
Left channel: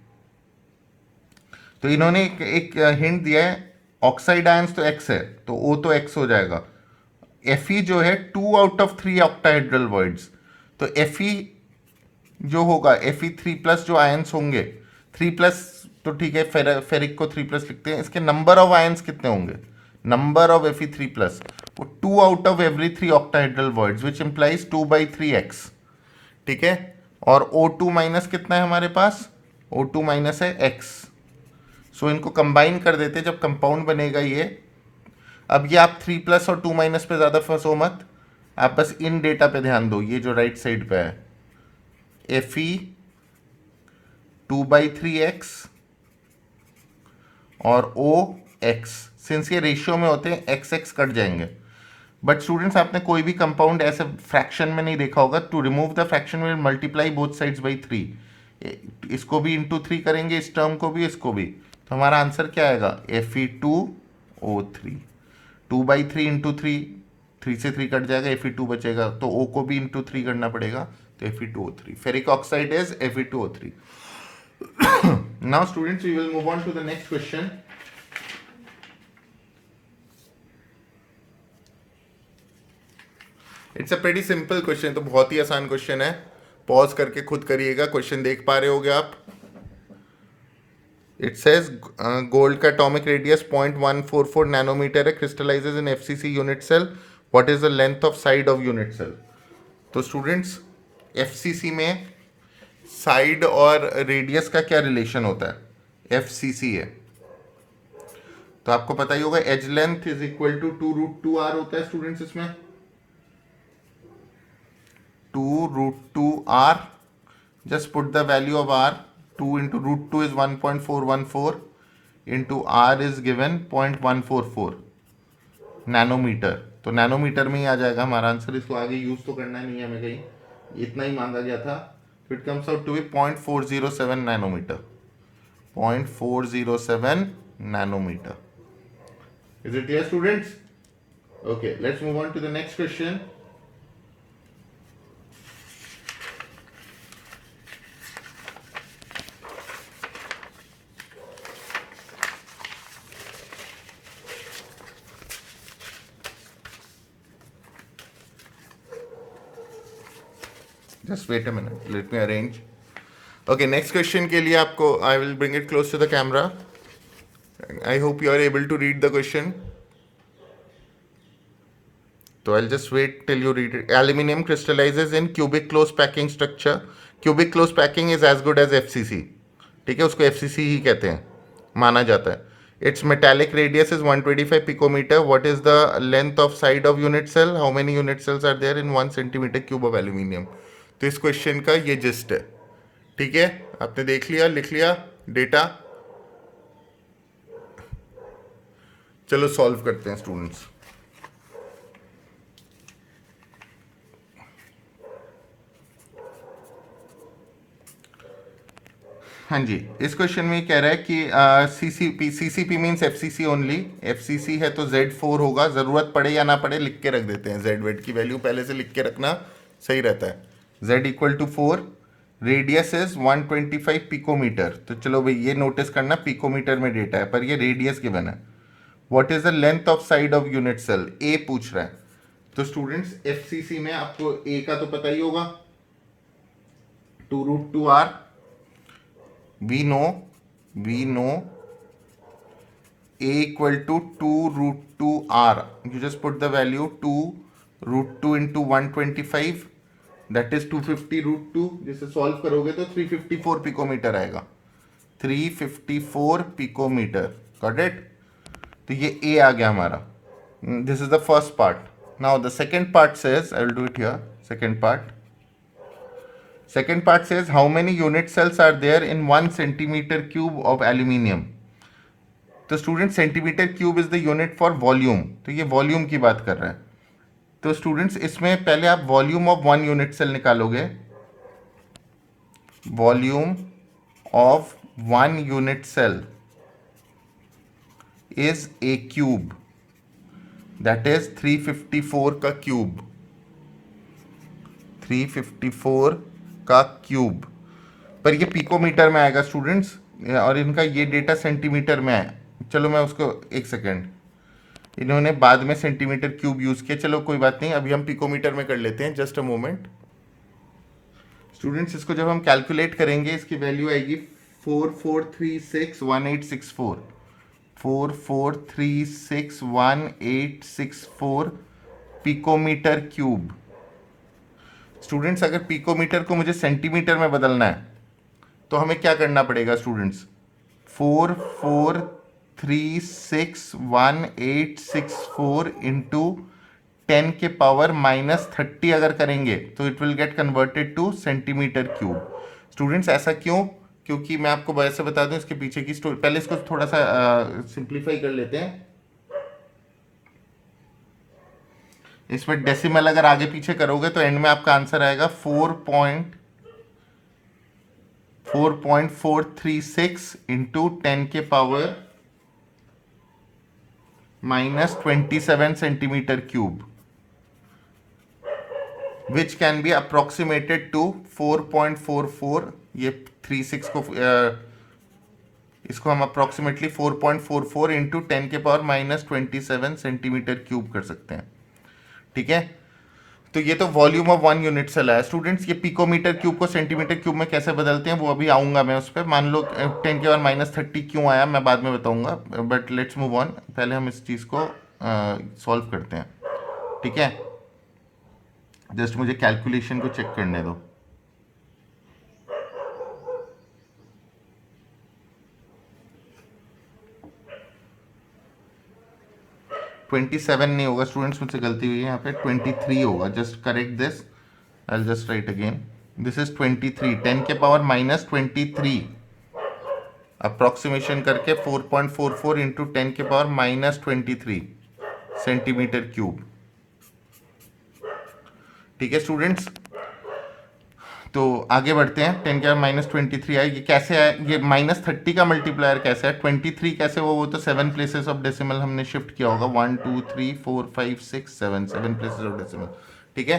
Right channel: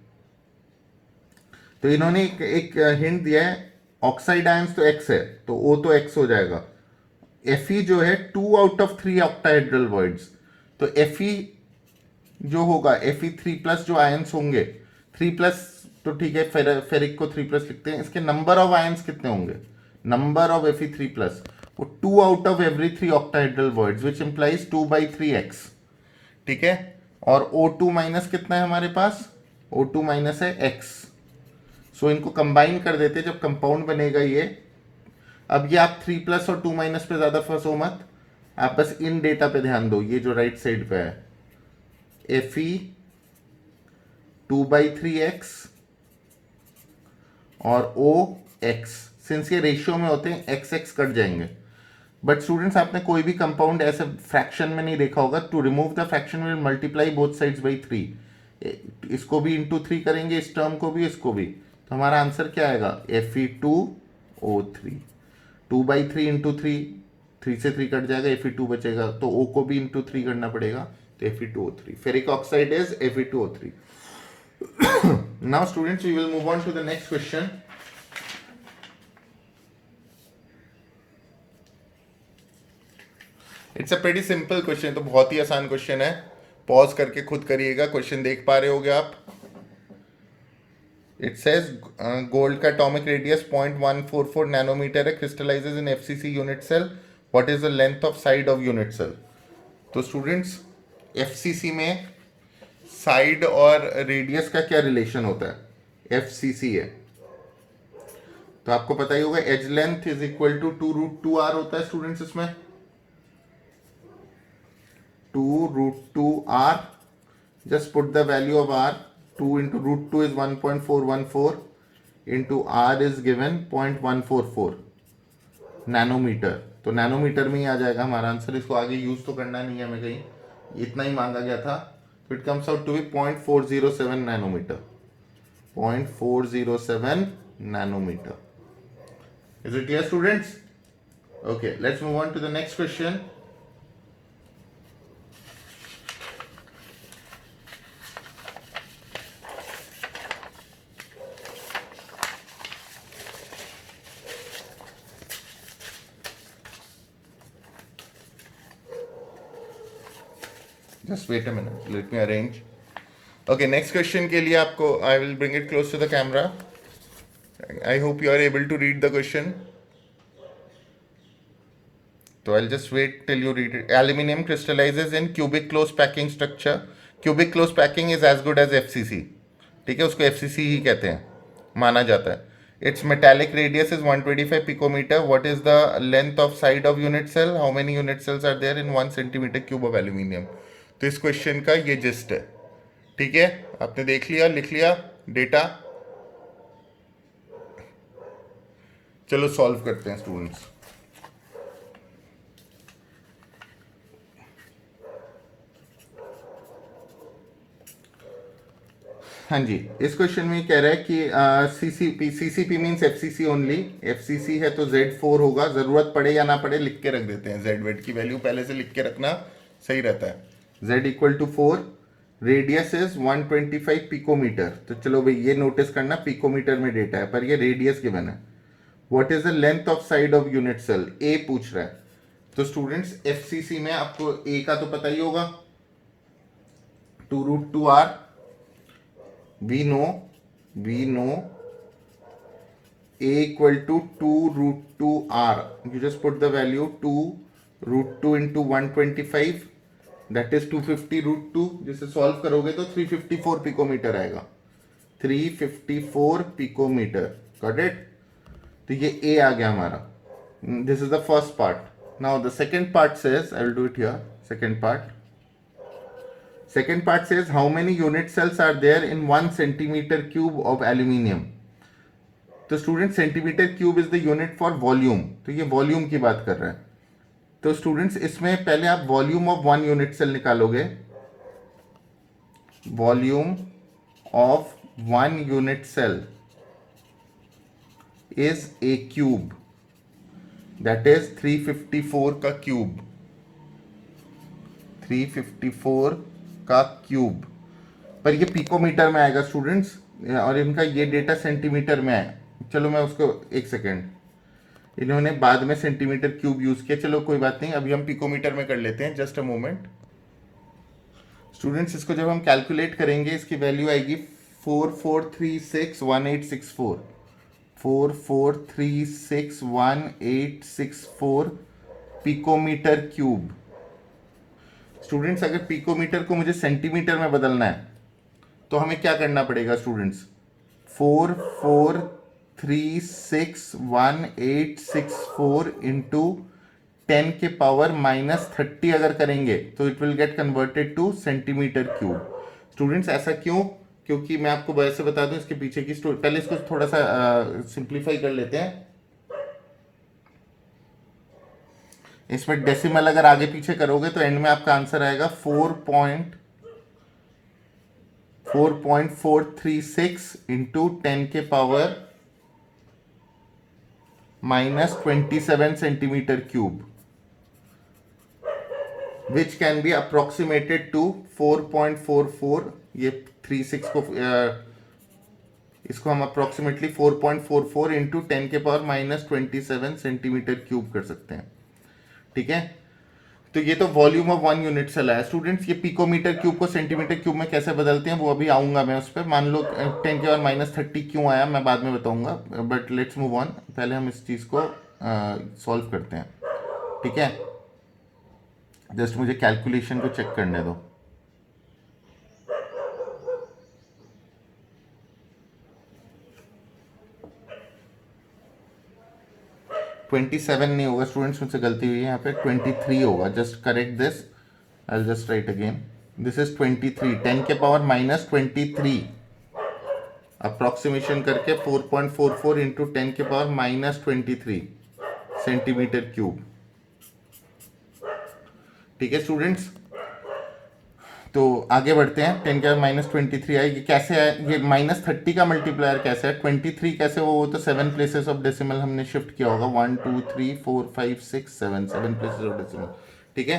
तो इन्होंने एक हिंट दिया है, ऑक्साइड आयंस तो x है तो O तो x हो जाएगा, Fe जो है 2 आउट ऑफ 3 ऑक्टाहेड्रल वॉइड्स, तो Fe जो होगा Fe3+ जो आयंस होंगे 3+, तो ठीक है, फेरिक को 3+ लिखते हैं, इसके नंबर ऑफ आयंस कितने होंगे, नंबर ऑफ Fe3+, वो 2 out of every 3 octahedral voids which implies 2/3x, ठीक है। और O2- कितना है हमारे पास, O2- है x, सो इनको कंबाइन कर देते जब कंपाउंड बनेगा ये। अब ये आप 3+ और 2- पे ज़्यादा फंसो मत, आप बस इन डेटा पे ध्यान दो, ये जो राइट साइड पे है Fe 2/3x और OX, सिंस ये रेशियो में होते हैं x कट जाएंगे। बट स्टूडेंट्स, आपने कोई भी कंपाउंड ऐसे फ्रैक्शन में नहीं देखा होगा, to remove the fraction will multiply both sides by 3, इसको भी इंटू 3 करेंगे, इस टर्म को भी, इसको भी, तो हमारा आंसर क्या आएगा Fe2O3, 2/3 इंटू 3, 3 से 3 कट जाएगा, Fe2 बचेगा, तो O को भी इंटू 3 करना पड़ेगा, तो Fe2O3, ferric oxide is Fe2O3। Now students, we will move on to the next question. It's a pretty simple question, तो बहुत ही आसान क्वेश्चन है, पॉज करके खुद करिएगा, क्वेश्चन देख पा रहे होगे आप। इट सेज गोल्ड का एटॉमिक रेडियस 0.144 नैनोमीटर है, crystallizes in FCC unit cell, what is the length of side of unit cell. तो स्टूडेंट्स एफसीसी में साइड और रेडियस का क्या रिलेशन होता है, एफसीसी है तो आपको पता ही होगा edge length is equal to 2√2r होता है स्टूडेंट्स, इसमें 2√2r, just put the value of r, 2 into √2 is 1.414 into r is given 0.144 nanometer. तो नैनोमीटर में ही आ जाएगा हमारा आंसर, इसको आगे यूज तो करना नहीं है हमें कहीं, इतना ही मांगा गया था। तो it comes out to be 0.407 nanometer, 0.407 nanometer. Is it clear students? Okay, let's move on to the next question. Just wait a minute, let me arrange. Okay, next question के लिए आपको I will bring it close to the camera. I hope you are able to read the question. So I'll just wait till you read it. Aluminium crystallizes in cubic close packing structure. Cubic close packing is as good as FCC. ठीक है, उसको FCC ही कहते हैं, माना जाता है. Its metallic radius is 125 picometer. What is the length of side of unit cell? How many unit cells are there in 1 centimeter cube of aluminium? तो इस क्वेश्चन का ये जिस्ट है. ठीक है, आपने देख लिया, लिख लिया डेटा. चलो सॉल्व करते हैं स्टूडेंट्स. हाँ जी, इस क्वेश्चन में कह रहा है कि CCP means FCC only. FCC है तो Z4 होगा. ज़रूरत पड़े या ना पड़े लिख के रख देते हैं. जेड वेट की वैल्यू पहले से लिख के रखना सही रहता है. Z equal to 4, radius is 125 picometer. तो चलो भाई ये नोटिस करना, पिकोमीटर में डेटा है पर ये रेडियस गिवन है. What is the length of side of unit cell, ए पूछ रहा है. तो स्टूडेंट्स एफसीसी में आपको ए का तो पता ही होगा, 2√2r. we know a equal to 2√2r. you just put the value 2√2 into 125, that is 250√2. जिसे सॉल्व करोगे तो 354 पिकोमीटर आएगा, 354 पिकोमीटर. Got it. तो ये a आ गया हमारा. This is the first part. Now the second part says, I will do it here. Second part says how many unit cells are there in 1 centimeter cube of aluminium. तो student centimetre cube is the unit for volume. तो ये वॉल्यूम की बात कर रहा है. तो स्टूडेंट्स इसमें पहले आप वॉल्यूम ऑफ 1 यूनिट सेल निकालोगे. Volume of 1 unit cell is a cube, that is 354 का क्यूब, 354 का क्यूब. पर ये पिकोमीटर में आएगा स्टूडेंट्स, और इनका ये डेटा सेंटीमीटर में है. चलो मैं उसको एक सेकेंड, इन्होंने बाद में सेंटीमीटर क्यूब यूज किया. चलो कोई बात नहीं, अभी हम पिकोमीटर में कर लेते हैं. Just a moment students. इसको जब हम कैलकुलेट करेंगे इसकी वैल्यू आएगी 44361864, 44361864 पिकोमीटर क्यूब. स्टूडेंट्स अगर पिकोमीटर को मुझे सेंटीमीटर में बदलना है तो हमें क्या करना पड़ेगा स्टूडेंट्स, 44361864 इंटू 10 के पावर -30 अगर करेंगे तो it will get converted two centimetre cube. Students ऐसा क्यों? क्योंकि मैं आपको वैसे बता दूं इसके पीछे की स्टोरी. पहले इसको थोड़ा सा सिंप्लीफाई कर लेते हैं. इसमें डेसिमल अगर आगे पीछे करोगे तो एंड में आपका आंसर आएगा 4.436 इंटू 10 के power -27 centimeter cube, which can be approximated to 4.44. ये 36 को इसको हम अप्रोक्सीमेटली 4.44 इंटू 10 के पावर -27 सेंटीमीटर क्यूब कर सकते हैं. ठीक है, तो ये तो वॉल्यूम ऑफ 1 यूनिट सेल है. स्टूडेंट्स ये पिकोमीटर क्यूब को सेंटीमीटर क्यूब में कैसे बदलते हैं वो अभी आऊंगा मैं उस पर. मान लो 10 के बाद -30 क्यों आया मैं बाद में बताऊंगा, बट लेट्स मूव ऑन. पहले हम इस चीज़ को सॉल्व करते हैं. ठीक है, जस्ट मुझे कैलकुलेशन को चेक करने दो। ट्वेंटी सेवन नहीं होगा स्टूडेंट्स, मुझसे गलती हुई है, यहाँ पे 23 होगा। Just correct this, I just right again, this is 23, 10 के पावर माइनस 23, अप्रोक्सीमेशन करके 4.44 इंटू 10 के पावर माइनस 23 सेंटीमीटर क्यूब। ठीक है स्टूडेंट्स, तो आगे बढ़ते हैं। 10 के माइनस 23 आए, ये कैसे आया? ये माइनस 30 का मल्टीप्लायर कैसे है? 23 कैसे वो तो 7 प्लेसेस ऑफ डेसिमल हमने शिफ्ट किया होगा, 1 2 3 4 5 6 7 प्लेसेस ऑफ डेसिमल। ठीक है,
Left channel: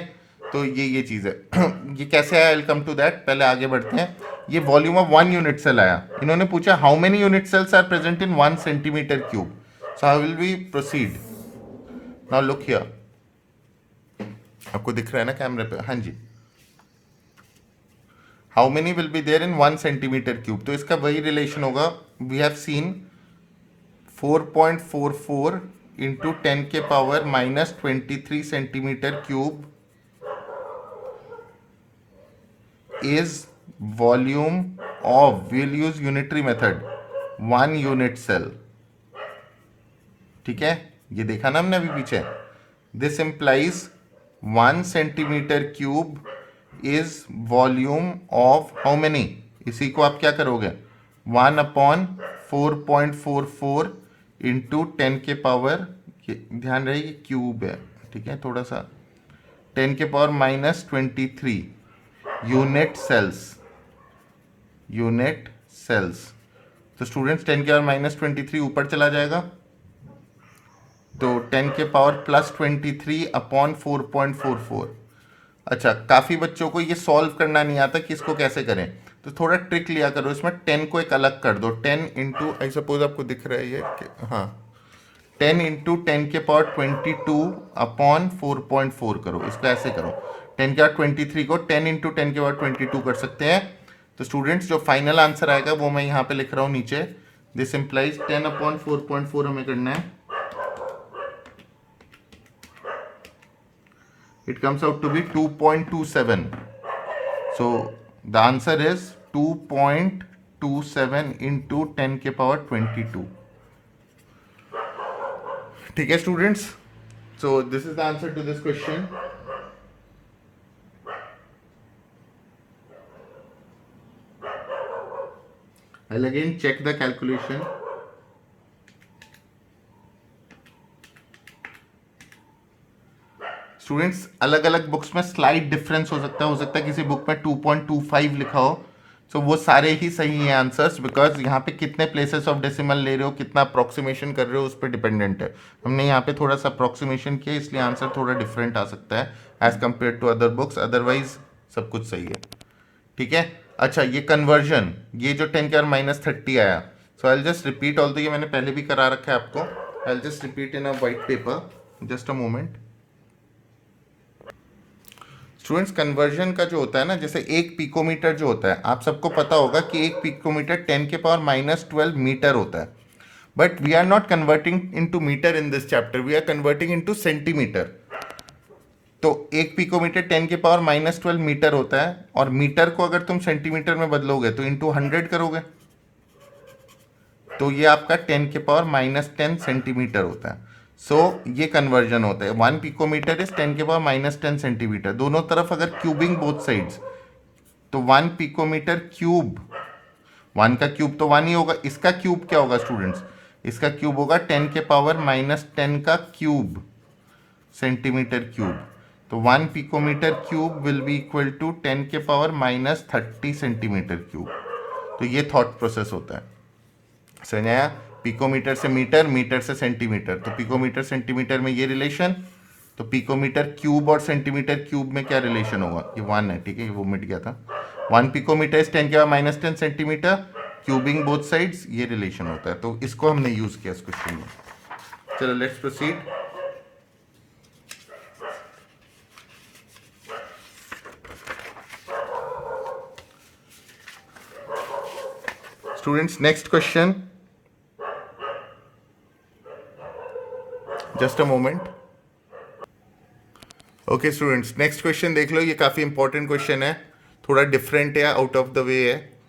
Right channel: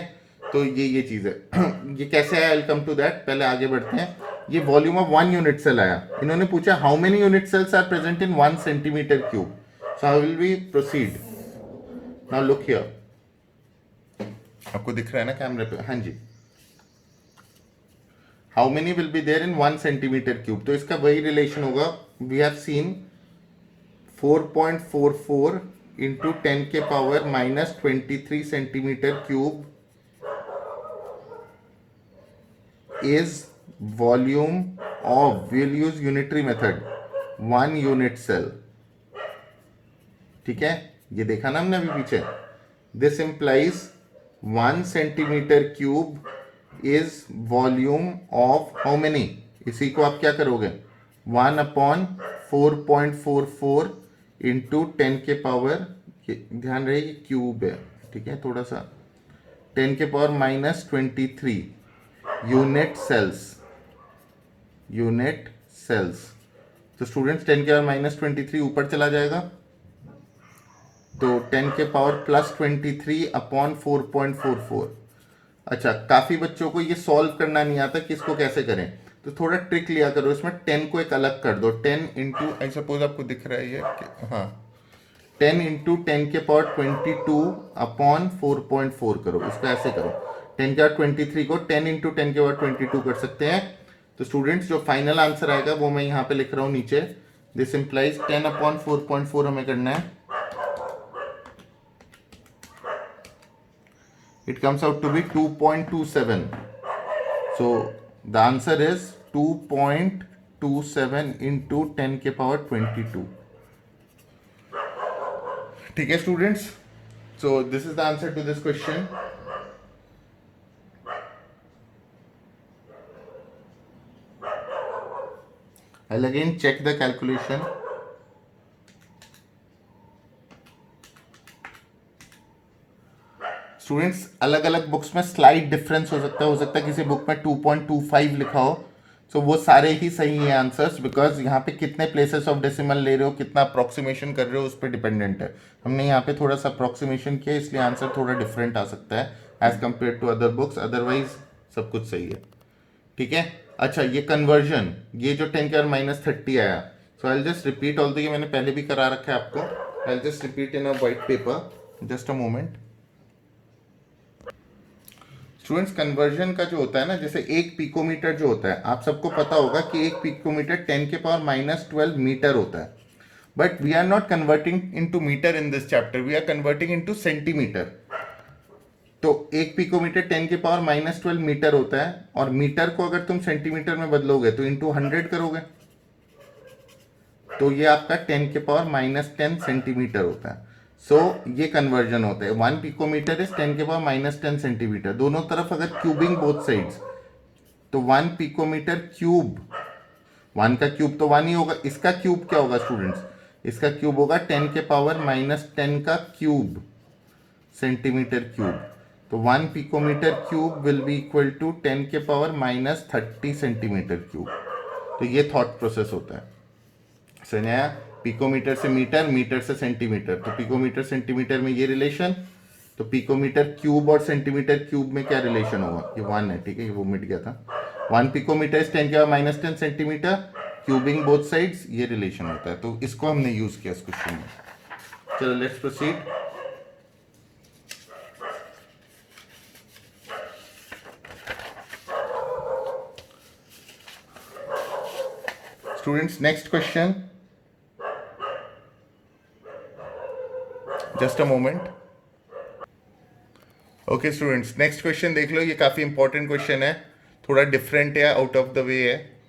तो ये चीज़ है। ये कैसे आया? आई कम टू दैट, पहले आगे बढ़ते हैं। ये वॉल्यूम ऑफ 1 यूनिट सेल आया। इन्होंने पूछा how many unit cells are present in 1 centimetre cube. So how will we proceed? Now look here, आपको दिख रहा है ना कैमरे पे? हाँ जी, how many will be there in 1 centimetre cube. तो इसका वही रिलेशन होगा, वी हैव सीन 4.44 इंटू 10 के power minus 23 centimeter cube is volume of, will use unitary method, 1 unit cell. ठीक है, ये देखा ना हमने अभी पीछे। This implies 1 centimetre cube is volume of how many? इसी को आप क्या करोगे? 1/4.44 इंटू 10 के पावर, ध्यान रहे ये क्यूब है, ठीक है, थोड़ा सा, 10 के power minus 23 unit cells, unit cells. तो स्टूडेंट्स 10 के पावर माइनस 23 ऊपर चला जाएगा, तो 10 के पावर प्लस 23 अपॉन 4.44। अच्छा, काफ़ी बच्चों को ये सॉल्व करना नहीं आता कि इसको कैसे करें, तो थोड़ा ट्रिक लिया करो इसमें। 10 को एक अलग कर दो, 10 इंटू, आई सपोज आपको दिख रहा है ये, हाँ, 10 इंटू 10 के पावर 22 अपॉन 4.4 करो, इसका ऐसे करो। 10 के पावर 23 को 10 इंटू 10 के पावर 22 कर सकते हैं। तो स्टूडेंट्स जो फाइनल आंसर आएगा वो मैं यहाँ पे लिख रहा हूँ नीचे, दिस इंप्लाइज 10 अपॉन 4.4 हमें करना है। It comes out to be 2.27. So the answer is 2.27 into 10 के पावर 22. ठीक है students, so this is the answer to this question. I'll again check the calculation. Students अलग अलग बुक्स में स्लाइड डिफरेंस हो सकता है किसी बुक में 2.25 लिखा हो, सो वो सारे ही सही हैं आंसर्स, बिकॉज यहाँ पे कितने प्लेसेस ऑफ डेसिमल ले रहे हो, कितना अप्रोक्सीमेशन कर रहे हो, उस पर डिपेंडेंट है। हमने यहाँ पे थोड़ा सा अप्रोक्सीमेशन किया, इसलिए आंसर थोड़ा डिफरेंट आ सकता है as compared to other books, otherwise सब कुछ सही है। ठीक है, अच्छा ये कन्वर्जन, ये जो 10 के पावर माइनस 30 आया, सो आई जस्ट रिपीट ऑल, ये मैंने पहले भी करा रखा है आपको, I just repeat in a white paper, just a moment. Students conversion का जो होता है ना, जैसे एक पिकोमीटर जो होता है, आप सबको पता होगा कि एक पिकोमीटर 10 के पावर माइनस 12 मीटर होता है, but we are not converting into meter in this chapter, we are converting into centimeter. तो एक पिकोमीटर 10 के पावर माइनस 12 मीटर होता है, और मीटर को अगर तुम सेंटीमीटर में बदलोगे तो इंटू 100 करोगे, तो ये आपका 10 के पावर माइनस 10 सेंटीमीटर होता है। सो ये कन्वर्जन होता है, 1 पिकोमीटर इज 10 के पावर माइनस 10 सेंटीमीटर। दोनों तरफ अगर क्यूबिंग बोथ साइड्स, तो 1 पिकोमीटर क्यूब, 1 का क्यूब तो 1 ही होगा, इसका क्यूब क्या होगा स्टूडेंट्स? इसका क्यूब होगा 10 के पावर माइनस 10 का क्यूब सेंटीमीटर क्यूब। तो 1 picometer cube will be equal to 10 के पावर माइनस 30 सेंटीमीटर क्यूब। तो ये थॉट प्रोसेस होता है, समझ आया? पिकोमीटर से मीटर, मीटर से सेंटीमीटर, तो पिकोमीटर सेंटीमीटर में ये रिलेशन, तो पिकोमीटर क्यूब और सेंटीमीटर क्यूब में क्या रिलेशन होगा? ये 1 है, ठीक है, ये वो मिट गया था। 1 पिकोमीटर इज 10 के power minus 10 centimetre, cubing both sides, ये रिलेशन होता है। तो इसको हमने यूज किया इस क्वेश्चन में। चलो let's proceed. Students next question, just a moment. Okay students, next question देख लो, ये काफ़ी इंपॉर्टेंट क्वेश्चन है, थोड़ा डिफरेंट है, आउट ऑफ द वे है.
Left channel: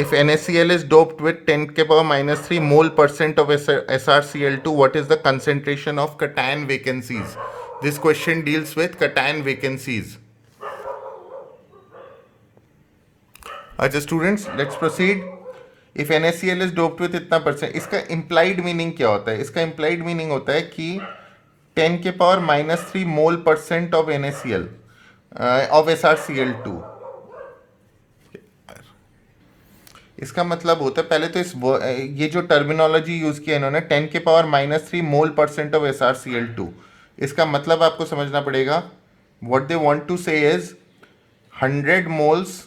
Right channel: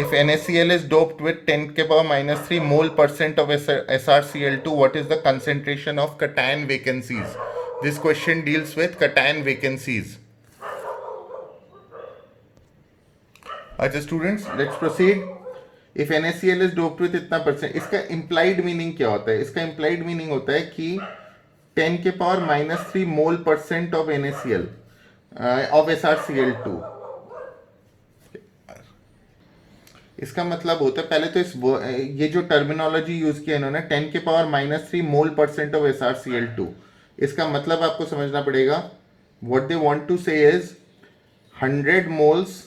If NaCl is doped with 10 के power -3 mole % of SrCl2, what is the concentration of cation vacancies? This question deals with cation vacancies. अच्छा students, let's proceed. If NaCl is doped with इतना %, इसका इम्प्लाइड मीनिंग क्या होता है? इसका इम्प्लाइड मीनिंग होता है कि 10 के power -3 mole % of NaCl of SrCl2. इसका मतलब होता है, पहले तो ये जो टर्मिनोलॉजी यूज किया इन्होंने, 10 के पावर -3 मोल % ऑफ SrCl2, इसका मतलब आपको समझना पड़ेगा. व्हाट दे वांट टू से is 100 moles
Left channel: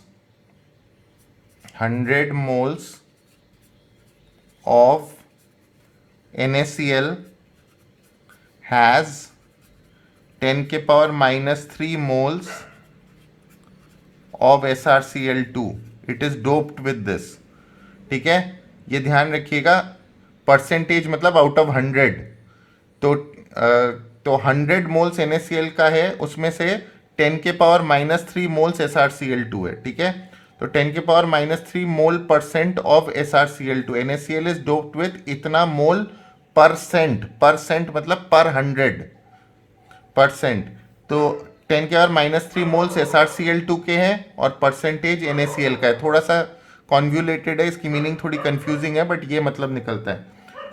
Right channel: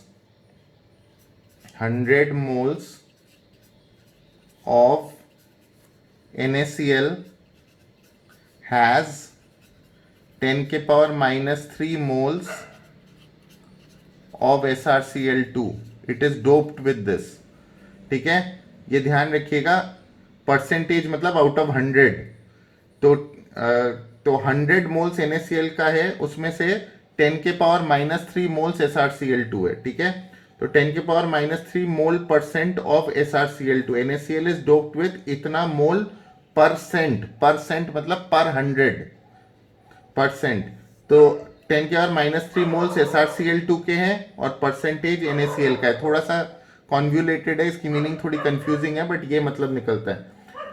of NaCl has 10 के power -3 moles of SrCl2. It is doped with this. ठीक है, ये ध्यान रखिएगा. परसेंटेज मतलब आउट ऑफ 100. तो 100 मोल्स NaCl का है, उसमें से 10 के पावर -3 मोल्स SrCl2 है. ठीक है, तो 10 के power -3 mole % of SrCl2. NaCl is doped with इतना मोल परसेंट मतलब पर 100%. तो 10 के पावर -3 मोल्स SrCl2 के हैं और परसेंटेज NaCl का है. थोड़ा सा कॉन्व्यूलेटेड है, इसकी मीनिंग थोड़ी कंफ्यूजिंग है, बट ये मतलब निकलता है.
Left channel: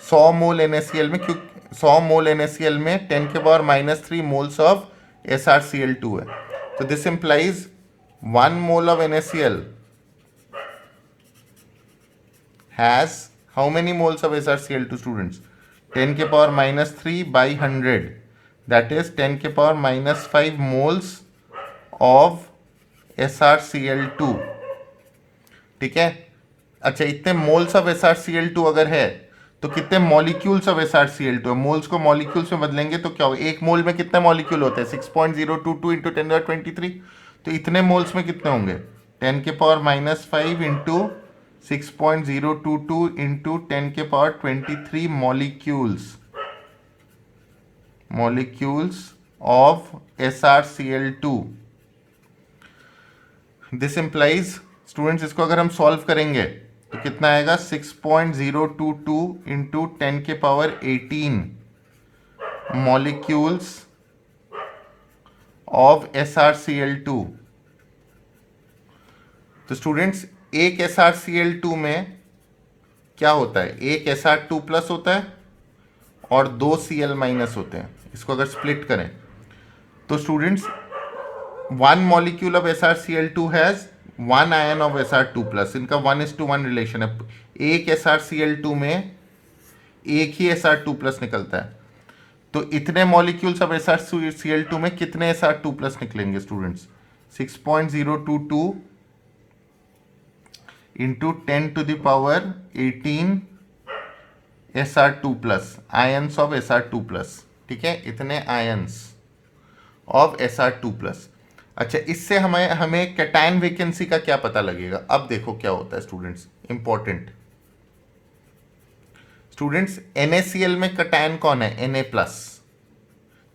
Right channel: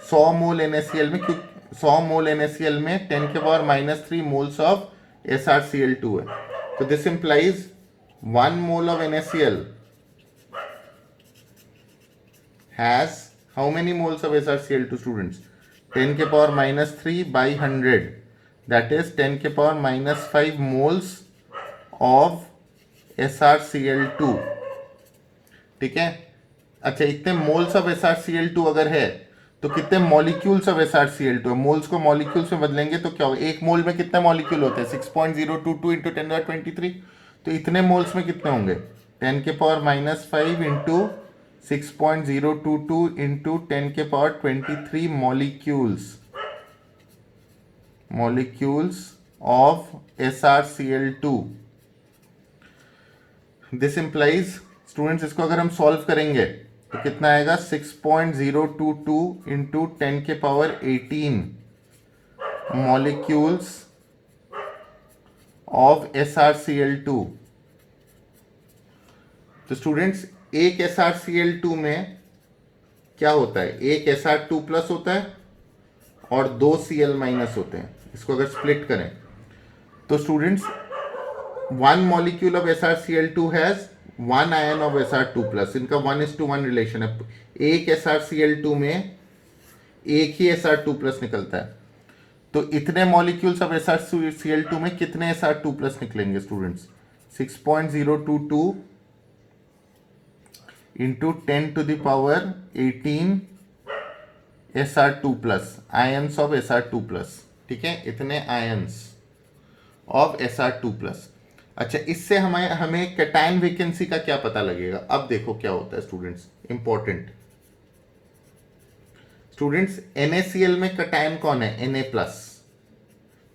100 मोल NaCl में, क्योंकि 100 मोल NaCl में 10 के पावर -3 मोल्स ऑफ SrCl2 है. तो this implies 1 mole of NaCl has how many moles of SrCl2 students? 10 के पावर -3 by 100, that is 10 के पावर -5 moles of SrCl2. ठीक है, अच्छा इतने मोल्स ऑफ SrCl2 अगर है तो कितने मॉलिक्यूल्स ऑफ SrCl2? मोल्स को मॉलिक्यूल्स में बदलेंगे तो क्या होगा? एक मोल में कितने मॉलिक्यूल होते हैं? 6.022 इंटू 10^23. तो इतने मोल्स में कितने होंगे? 10 के पावर -5 इंटू 6.022 इंटू 10 के power 23 molecules of SrCl2. This implies students, इसको अगर हम सॉल्व करेंगे तो कितना आएगा? 6.022 इंटू 10 के पावर 18 मॉलिक्यूल्स ऑफ SrCl2. तो स्टूडेंट्स, एक SrCl2 में क्या होता है? एक Sr2+ होता है और 2 Cl- होते हैं. इसको अगर स्प्लिट करें तो students 1 molecule of SrCl2 has 1 ion of Sr2+. इनका 1:1 रिलेशन है. एक SrCl2 में एक ही Sr2+ निकलता है. तो इतने मॉलिक्यूल्स ऑफ SrCl2 में कितने Sr2+ निकलेंगे students? 6.022 into 10 to the power 18 Sr2+, ions of Sr2+. ठीक है, इतने आयंस ऑफ Sr2+. अच्छा, इससे हमें कैटायन वैकेंसी का क्या पता लगेगा? अब देखो क्या होता है स्टूडेंट्स, इंपॉर्टेंट. स्टूडेंट्स, NaCl में कैटायन कौन है? Na+,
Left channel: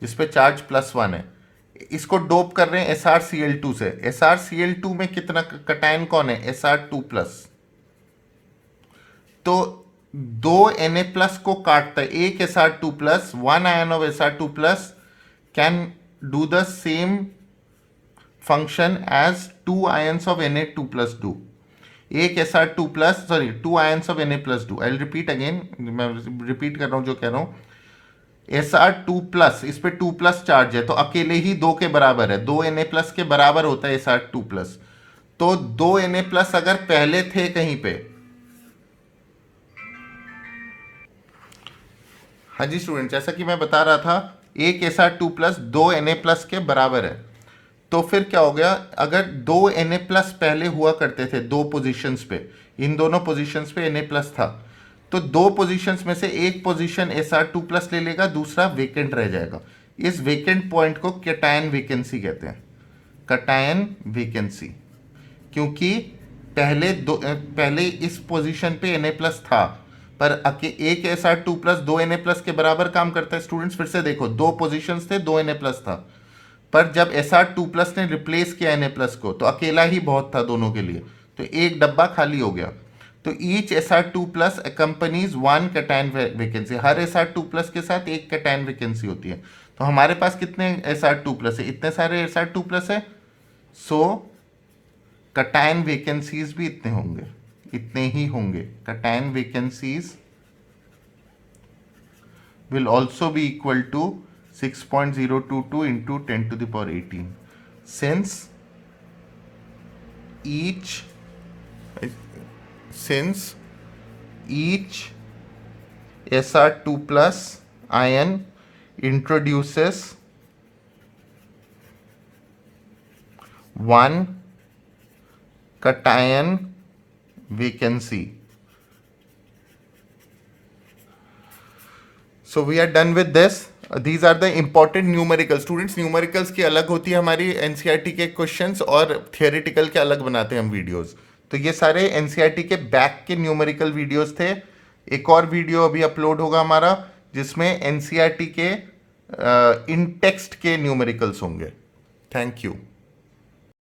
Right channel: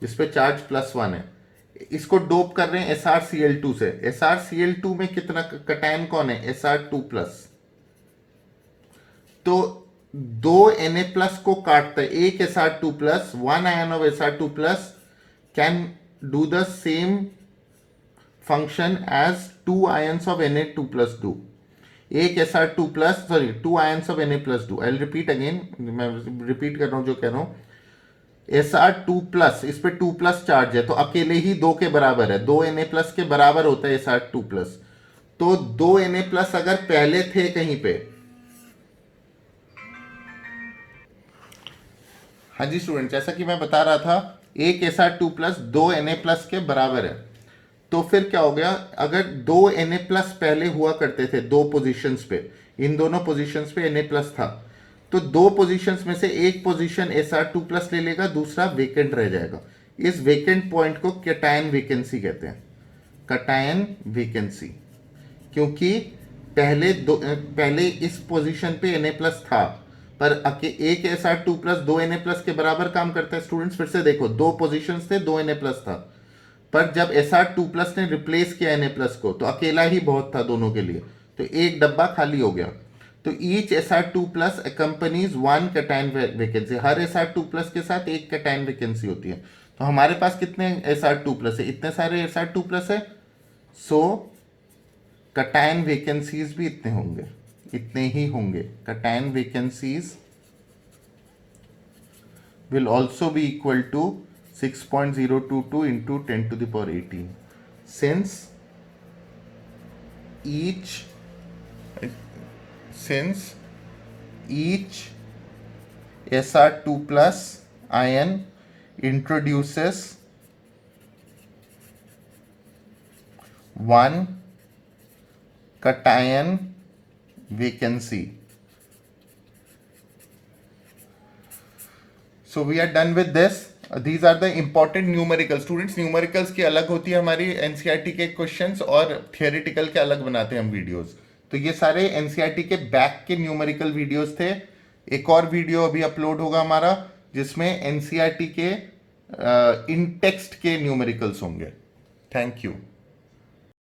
जिसपे चार्ज +1 है. इसको डोप कर रहे हैं SrCl2 से. SrCl2 में कितना कैटायन कौन है? Sr2+. तो 2 Na+ को काटता है एक Sr2+. 1 ion of Sr2+ can do the same function as 2 ions of Na2+ do. एक Sr2+, sorry 2 ions of Na+ do. I'll repeat again, मैं रिपीट कर रहा हूं जो कह रहा हूं. Sr2+, इस पे 2+ चार्ज है तो अकेले ही 2 के बराबर है. 2 Na+ के बराबर होता है Sr2+. तो 2 Na+ अगर पहले थे कहीं पे, हाँ जी स्टूडेंट, जैसा कि मैं बता रहा था, एक Sr2+ 2 Na+ के बराबर है. तो फिर क्या हो गया? अगर 2 Na+ पहले हुआ करते थे 2 पोजीशंस पे, इन दोनों पोजीशंस पे Na+ था, तो 2 पोजीशंस में से एक पोजीशन Sr2+ ले लेगा, दूसरा वेकेंट रह जाएगा. इस वेकेंट पॉइंट को कैटायन वैकेंसी कहते हैं. कैटायन वैकेंसी, क्योंकि पहले इस पोजीशन पे Na+ था, पर एक Sr2+ 2 Na+ के बराबर काम करता है. स्टूडेंट्स फिर से देखो, 2 पोजीशंस थे, 2 Na+ था, पर जब Sr2+ ने रिप्लेस किया Na+ को तो अकेला ही बहुत था दोनों के लिए, तो एक डब्बा खाली हो गया। तो each Sr2+ accompanies one cation vacancy, हर Sr2+ के साथ एक कैटायन वैकेंसी होती है। तो हमारे पास कितने Sr2+ है, इतने सारे Sr2+ है, सो कैटायन वैकेंसीज भी इतने होंगे, इतने ही होंगे। Cation vacancies will also be equal to 6.022 into 10 to the power 18, since each Sr2+ ion introduces one cation vacancy. So we are done with this. These are the important numericals. Students, numericals की अलग होती है हमारी NCERT के क्वेश्चंस, और थियोरेटिकल के अलग बनाते हैं हम वीडियोस। तो ये सारे NCERT के बैक के न्यूमेरिकल वीडियोस थे। एक और वीडियो अभी अपलोड होगा हमारा जिसमें NCERT के इन टेक्स्ट के न्यूमेरिकल्स होंगे। Thank you.